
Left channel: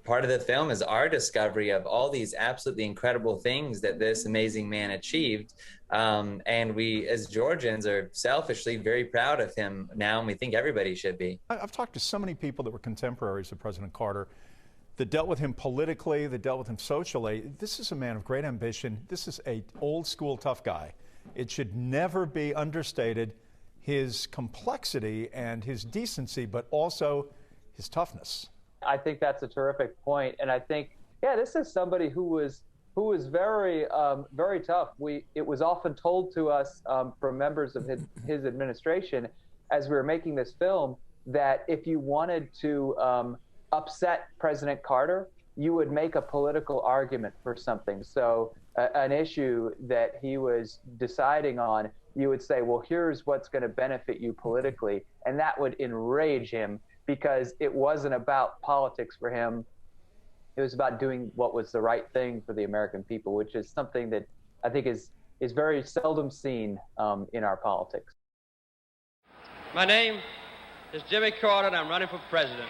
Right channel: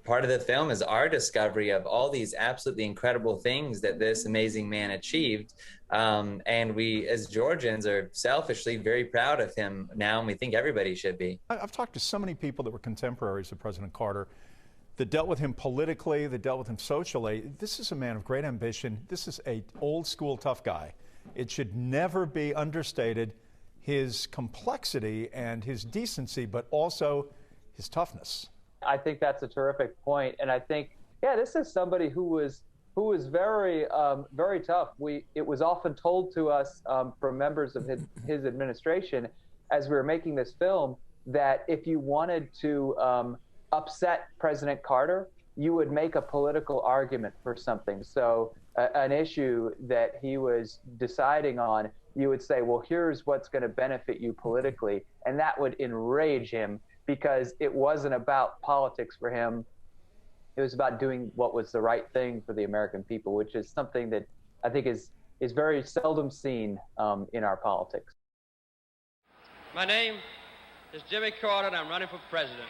part of the film is our discovery of all these absolutely incredible things that this amazing man achieved. And we, as Georgians, are selfishly very proud of him now, and we think everybody should be. I've talked to so many people that were contemporaries of President Carter that dealt with him politically, that dealt with him socially. This is a man of great ambition. This is a old school tough guy. It should never be understated, his complexity and his decency, but also his toughness. I think that's a terrific point, and I think, yeah, this is somebody who was very very tough. It was often told to us from members of his administration as we were making this film that if you wanted to upset President Carter, you would make a political argument for something. So an issue that he was deciding on, you would say, well, here's what's going to benefit you politically, and that would enrage him, because it wasn't about politics for him. It was about doing what was the right thing for the American people, which is something that I think is very seldom seen in our politics. My name is Jimmy Carter, and I'm running for president.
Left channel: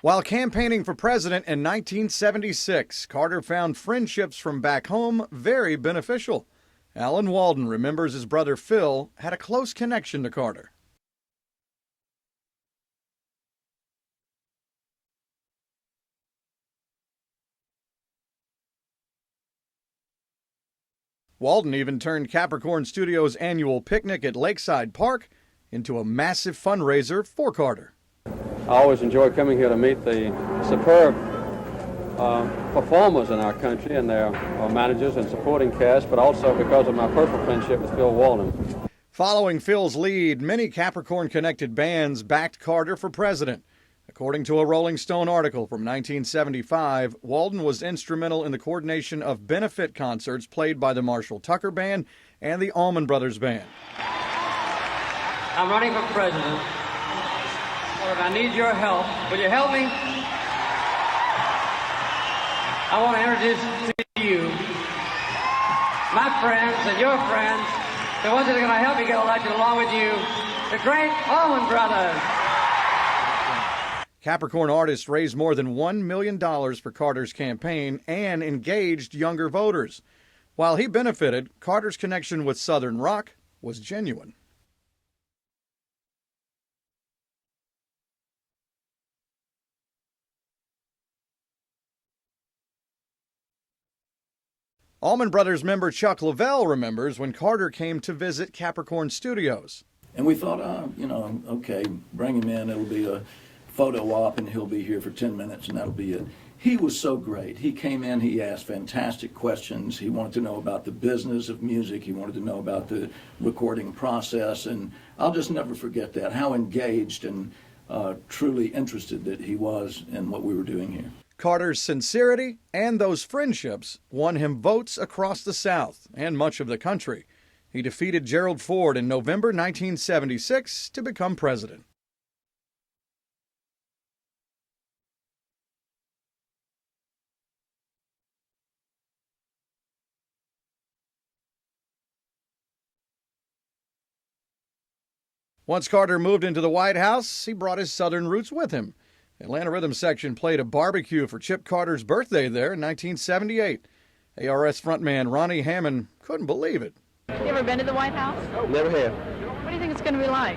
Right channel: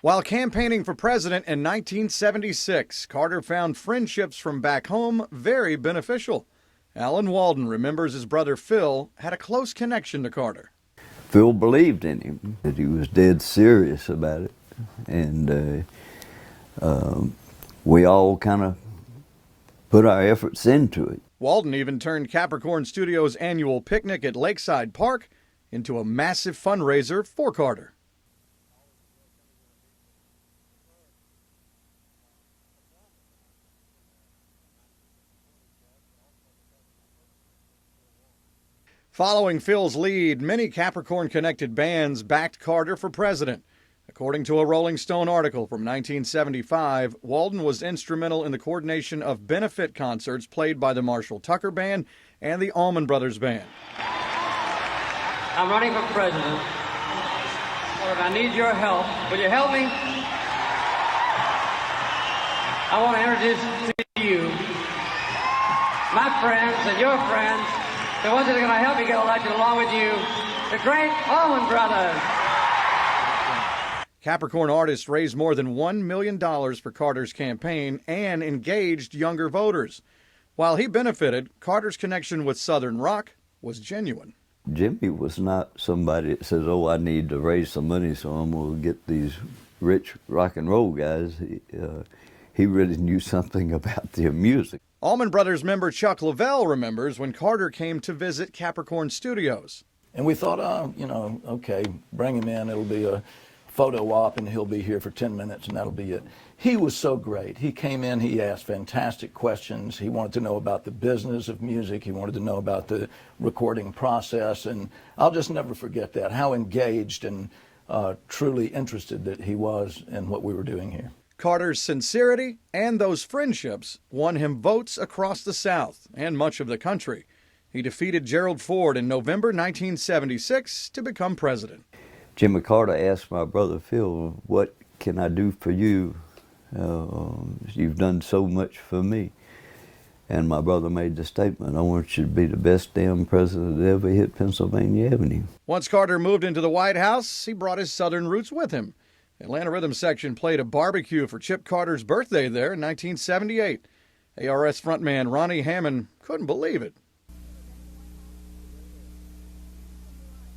While campaigning for president in 1976, Carter found friendships from back home very beneficial. Alan Walden remembers his brother Phil had a close connection to Carter. Phil believed in him, that he was dead serious about it, and we all kind of put our efforts into it. Walden even turned Capricorn Studios' annual picnic at Lakeside Park into a massive fundraiser for Carter. I always enjoy coming here to meet the superb performers in our country and their managers and supporting cast, but also because of my personal friendship with Phil Walden. Following Phil's lead, many Capricorn-connected bands backed Carter for president. According to a Rolling Stone article from 1975, Walden was instrumental in the coordination of benefit concerts played by the Marshall Tucker Band and the Allman Brothers Band. I'm running for president. Look, I need your help. Will you help me? I want to introduce to you my friends and your friends, the ones that are going to help me get elected along with you, the great Allman Brothers. Capricorn artists raised more than $1 million for Carter's campaign and engaged younger voters. While he benefited, Carter's connection with Southern rock was genuine. Jimmy was not somebody that says, oh, I need to raise some money, so I'm going to get these rich rock and roll guys. He really knew something about their music. Allman Brothers member Chuck Lavelle remembers when Carter came to visit Capricorn Studios. And we thought, okay, bring him in. It'll be a photo op, and he'll be here for 10 minutes, and that'll be it. He was so great. He came in, he asked fantastic questions. He wanted to know about the business of music. He wanted to know about the recording process, and I'll just never forget that, how engaged and truly interested that he was in what we were doing here. Carter's sincerity and those friendships won him votes across the South and much of the country. He defeated Gerald Ford in November 1976 to become president. Jimmy Carter asked my brother Phil, what can I do for you? You've done so much for me. And my brother made the statement, I want you to be the best damn president that ever hit Pennsylvania Avenue. Once Carter moved into the White House, he brought his Southern roots with him. Atlanta Rhythm Section played a barbecue for Chip Carter's birthday there in 1978. ARS frontman Ronnie Hammond couldn't believe it. You ever been to the White House? Never have. What do you think it's going to be like?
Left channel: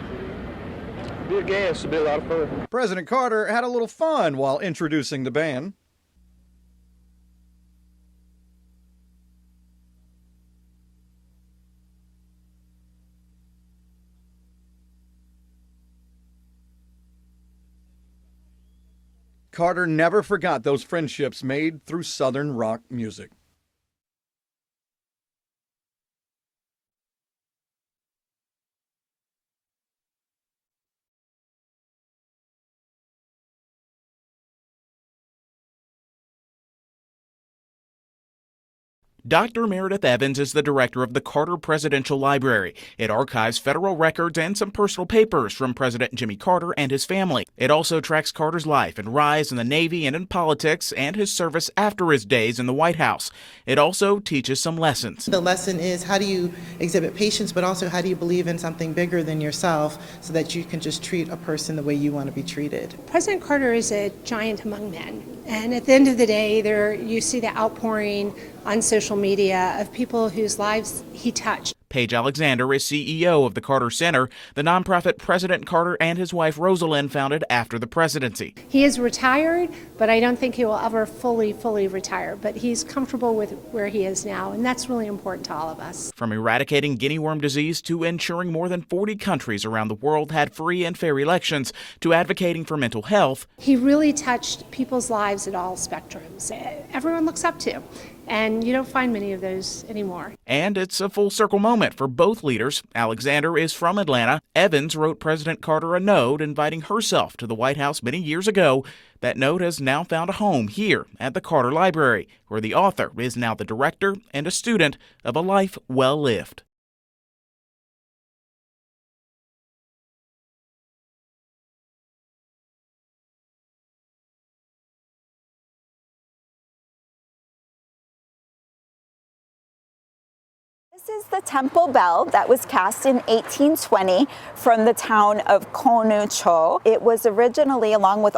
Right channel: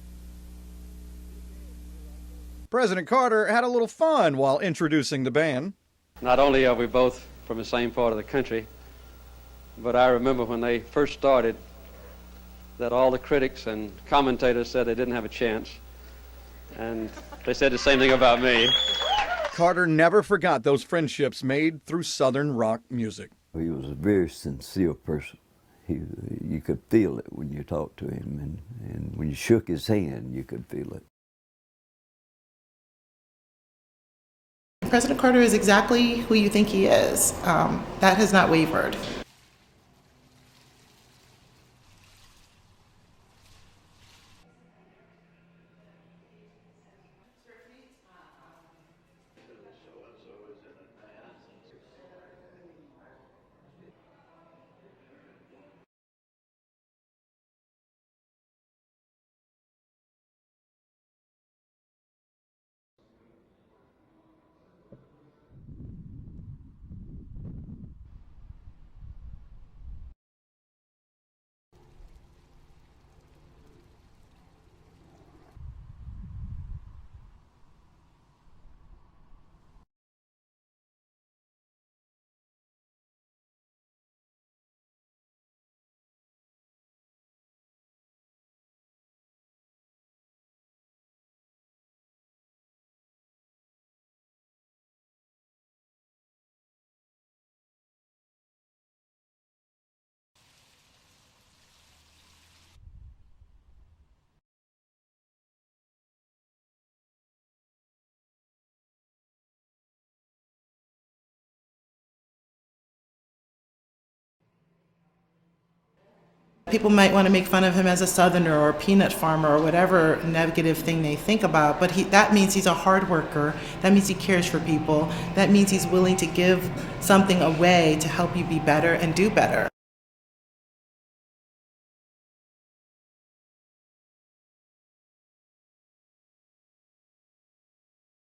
Be a gas, it'll be a lot of fun. President Carter had a little fun while introducing the band. Not only are we both from the same part of the country, but I remember when they first started that all the critics and commentators said they didn't have a chance. And they said the same thing about me. Carter never forgot those friendships made through Southern rock music. He was a very sincere person. You could feel it when you talked to him, and when you shook his hand, you could feel it. President Carter is exactly who you think he is. That has not wavered. Dr. Meredith Evans is the director of the Carter Presidential Library. It archives federal records and some personal papers from President Jimmy Carter and his family. It also tracks Carter's life and rise in the Navy and in politics and his service after his days in the White House. It also teaches some lessons. The lesson is, how do you exhibit patience, but also how do you believe in something bigger than yourself so that you can just treat a person the way you want to be treated. President Carter is a giant among men. And at the end of the day, you see the outpouring on social media of people whose lives he touched. Paige Alexander is CEO of the Carter Center, the nonprofit President Carter and his wife Rosalynn founded after the presidency. He is retired, but I don't think he will ever fully retire. But he's comfortable with where he is now, and that's really important to all of us. From eradicating guinea worm disease to ensuring more than 40 countries around the world had free and fair elections to advocating for mental health. He really touched people's lives at all spectrums. Everyone looks up to. And you don't find many of those anymore. And it's a full circle moment for both leaders. Alexander is from Atlanta. Evans wrote President Carter a note inviting herself to the White House many years ago. That note has now found a home here at the Carter Library, where the author is now the director and a student of A Life Well Lived. People might want to make fun of him as a Southerner or a peanut farmer or whatever negative thing they think about, but that means he's a hard worker. That means he cares for people. That means he's willing to give something away to help you be better and do better. This is the temple bell that was cast in 1820 from the town of Konucho. It was originally, along with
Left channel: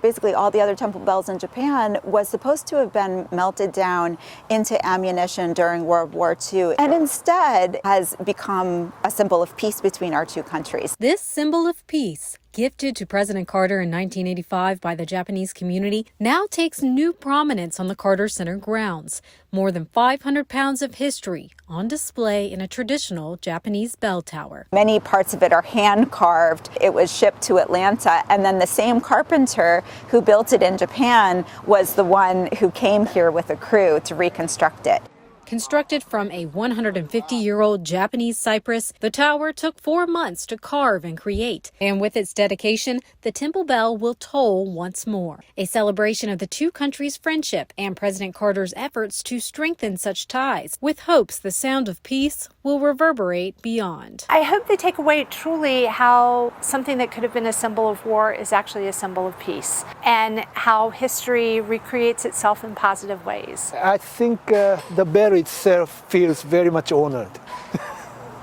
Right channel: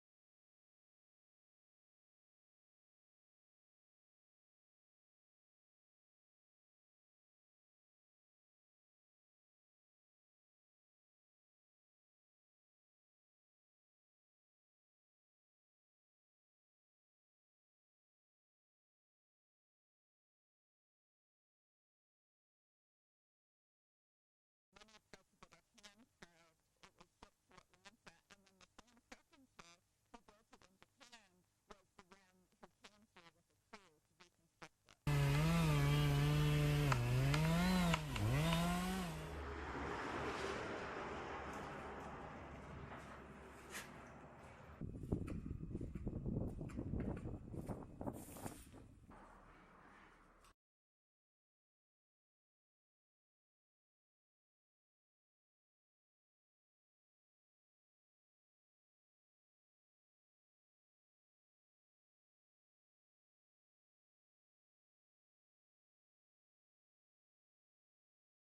basically all the other temple bells in Japan, was supposed to have been melted down into ammunition during World War II, and instead has become a symbol of peace between our two countries. This symbol of peace, gifted to President Carter in 1985 by the Japanese community, now takes new prominence on the Carter Center grounds. More than 500 pounds of history on display in a traditional Japanese bell tower. Many parts of it are hand carved. It was shipped to Atlanta, and then the same carpenter who built it in Japan was the one who came here with a crew to reconstruct it. Constructed from a 150-year-old Japanese cypress, the tower took 4 months to carve and create. And with its dedication, the temple bell will toll once more. A celebration of the two countries' friendship and President Carter's efforts to strengthen such ties, with hopes the sound of peace will reverberate beyond. I hope they take away truly how something that could have been a symbol of war is actually a symbol of peace, and how history recreates itself in positive ways. I think the bell itself feels very much honored.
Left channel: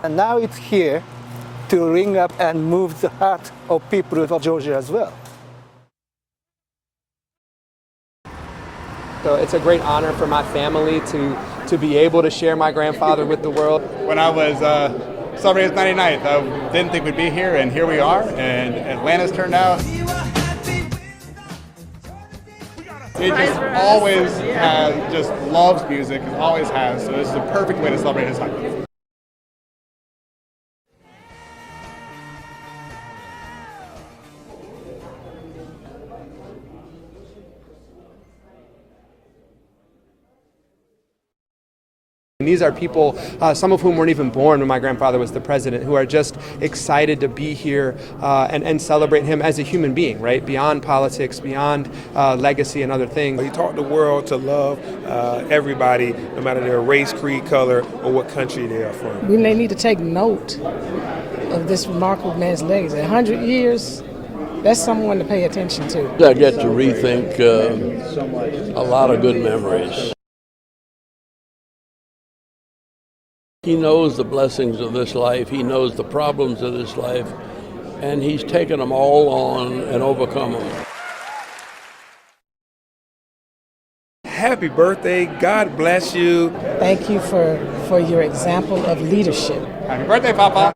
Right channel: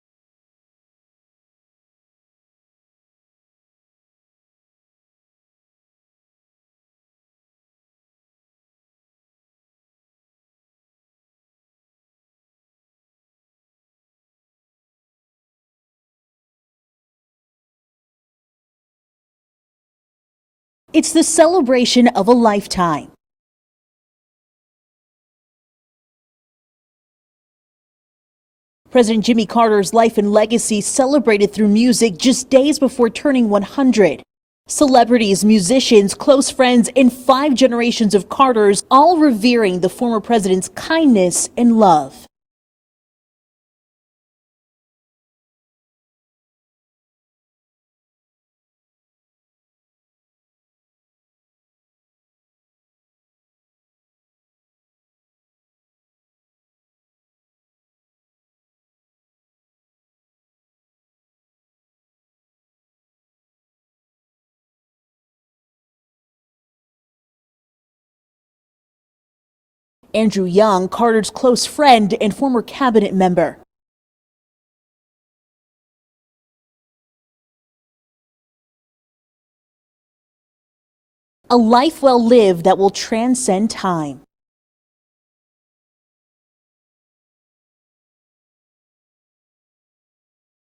And now it's here to ring up and move the heart of people of Georgia as well. So it's a great honor for my family to be able to share my grandfather with the world. When I was celebrating his 99th, I didn't think we'd be here, and here we are, and Atlanta's turned out. It's the celebration of a lifetime. It just always loves music, it always has, so this is the perfect way to celebrate his life. President Jimmy Carter's life and legacy celebrated through music just days before turning 100. Celebrities, musicians, close friends, and 5 generations of Carters all revering the former president's kindness and love. And these are people, some of whom weren't even born when my grandfather was the president, who are just excited to be here and celebrate him as a human being, right? Beyond politics, beyond legacy and other things. He taught the world to love everybody, no matter their race, creed, color, or what country they are from. We may need to take note of this remarkable man's legacy. 100 years. That's someone to pay attention to. I get to rethink a lot of good memories. Andrew Young, Carter's close friend and former cabinet member. He knows the blessings of this life. He knows the problems of this life. And he's taken them all on and overcome them. A life well lived that will transcend time. Happy birthday. God bless you. Thank you for your example of leadership. Happy birthday, Papa.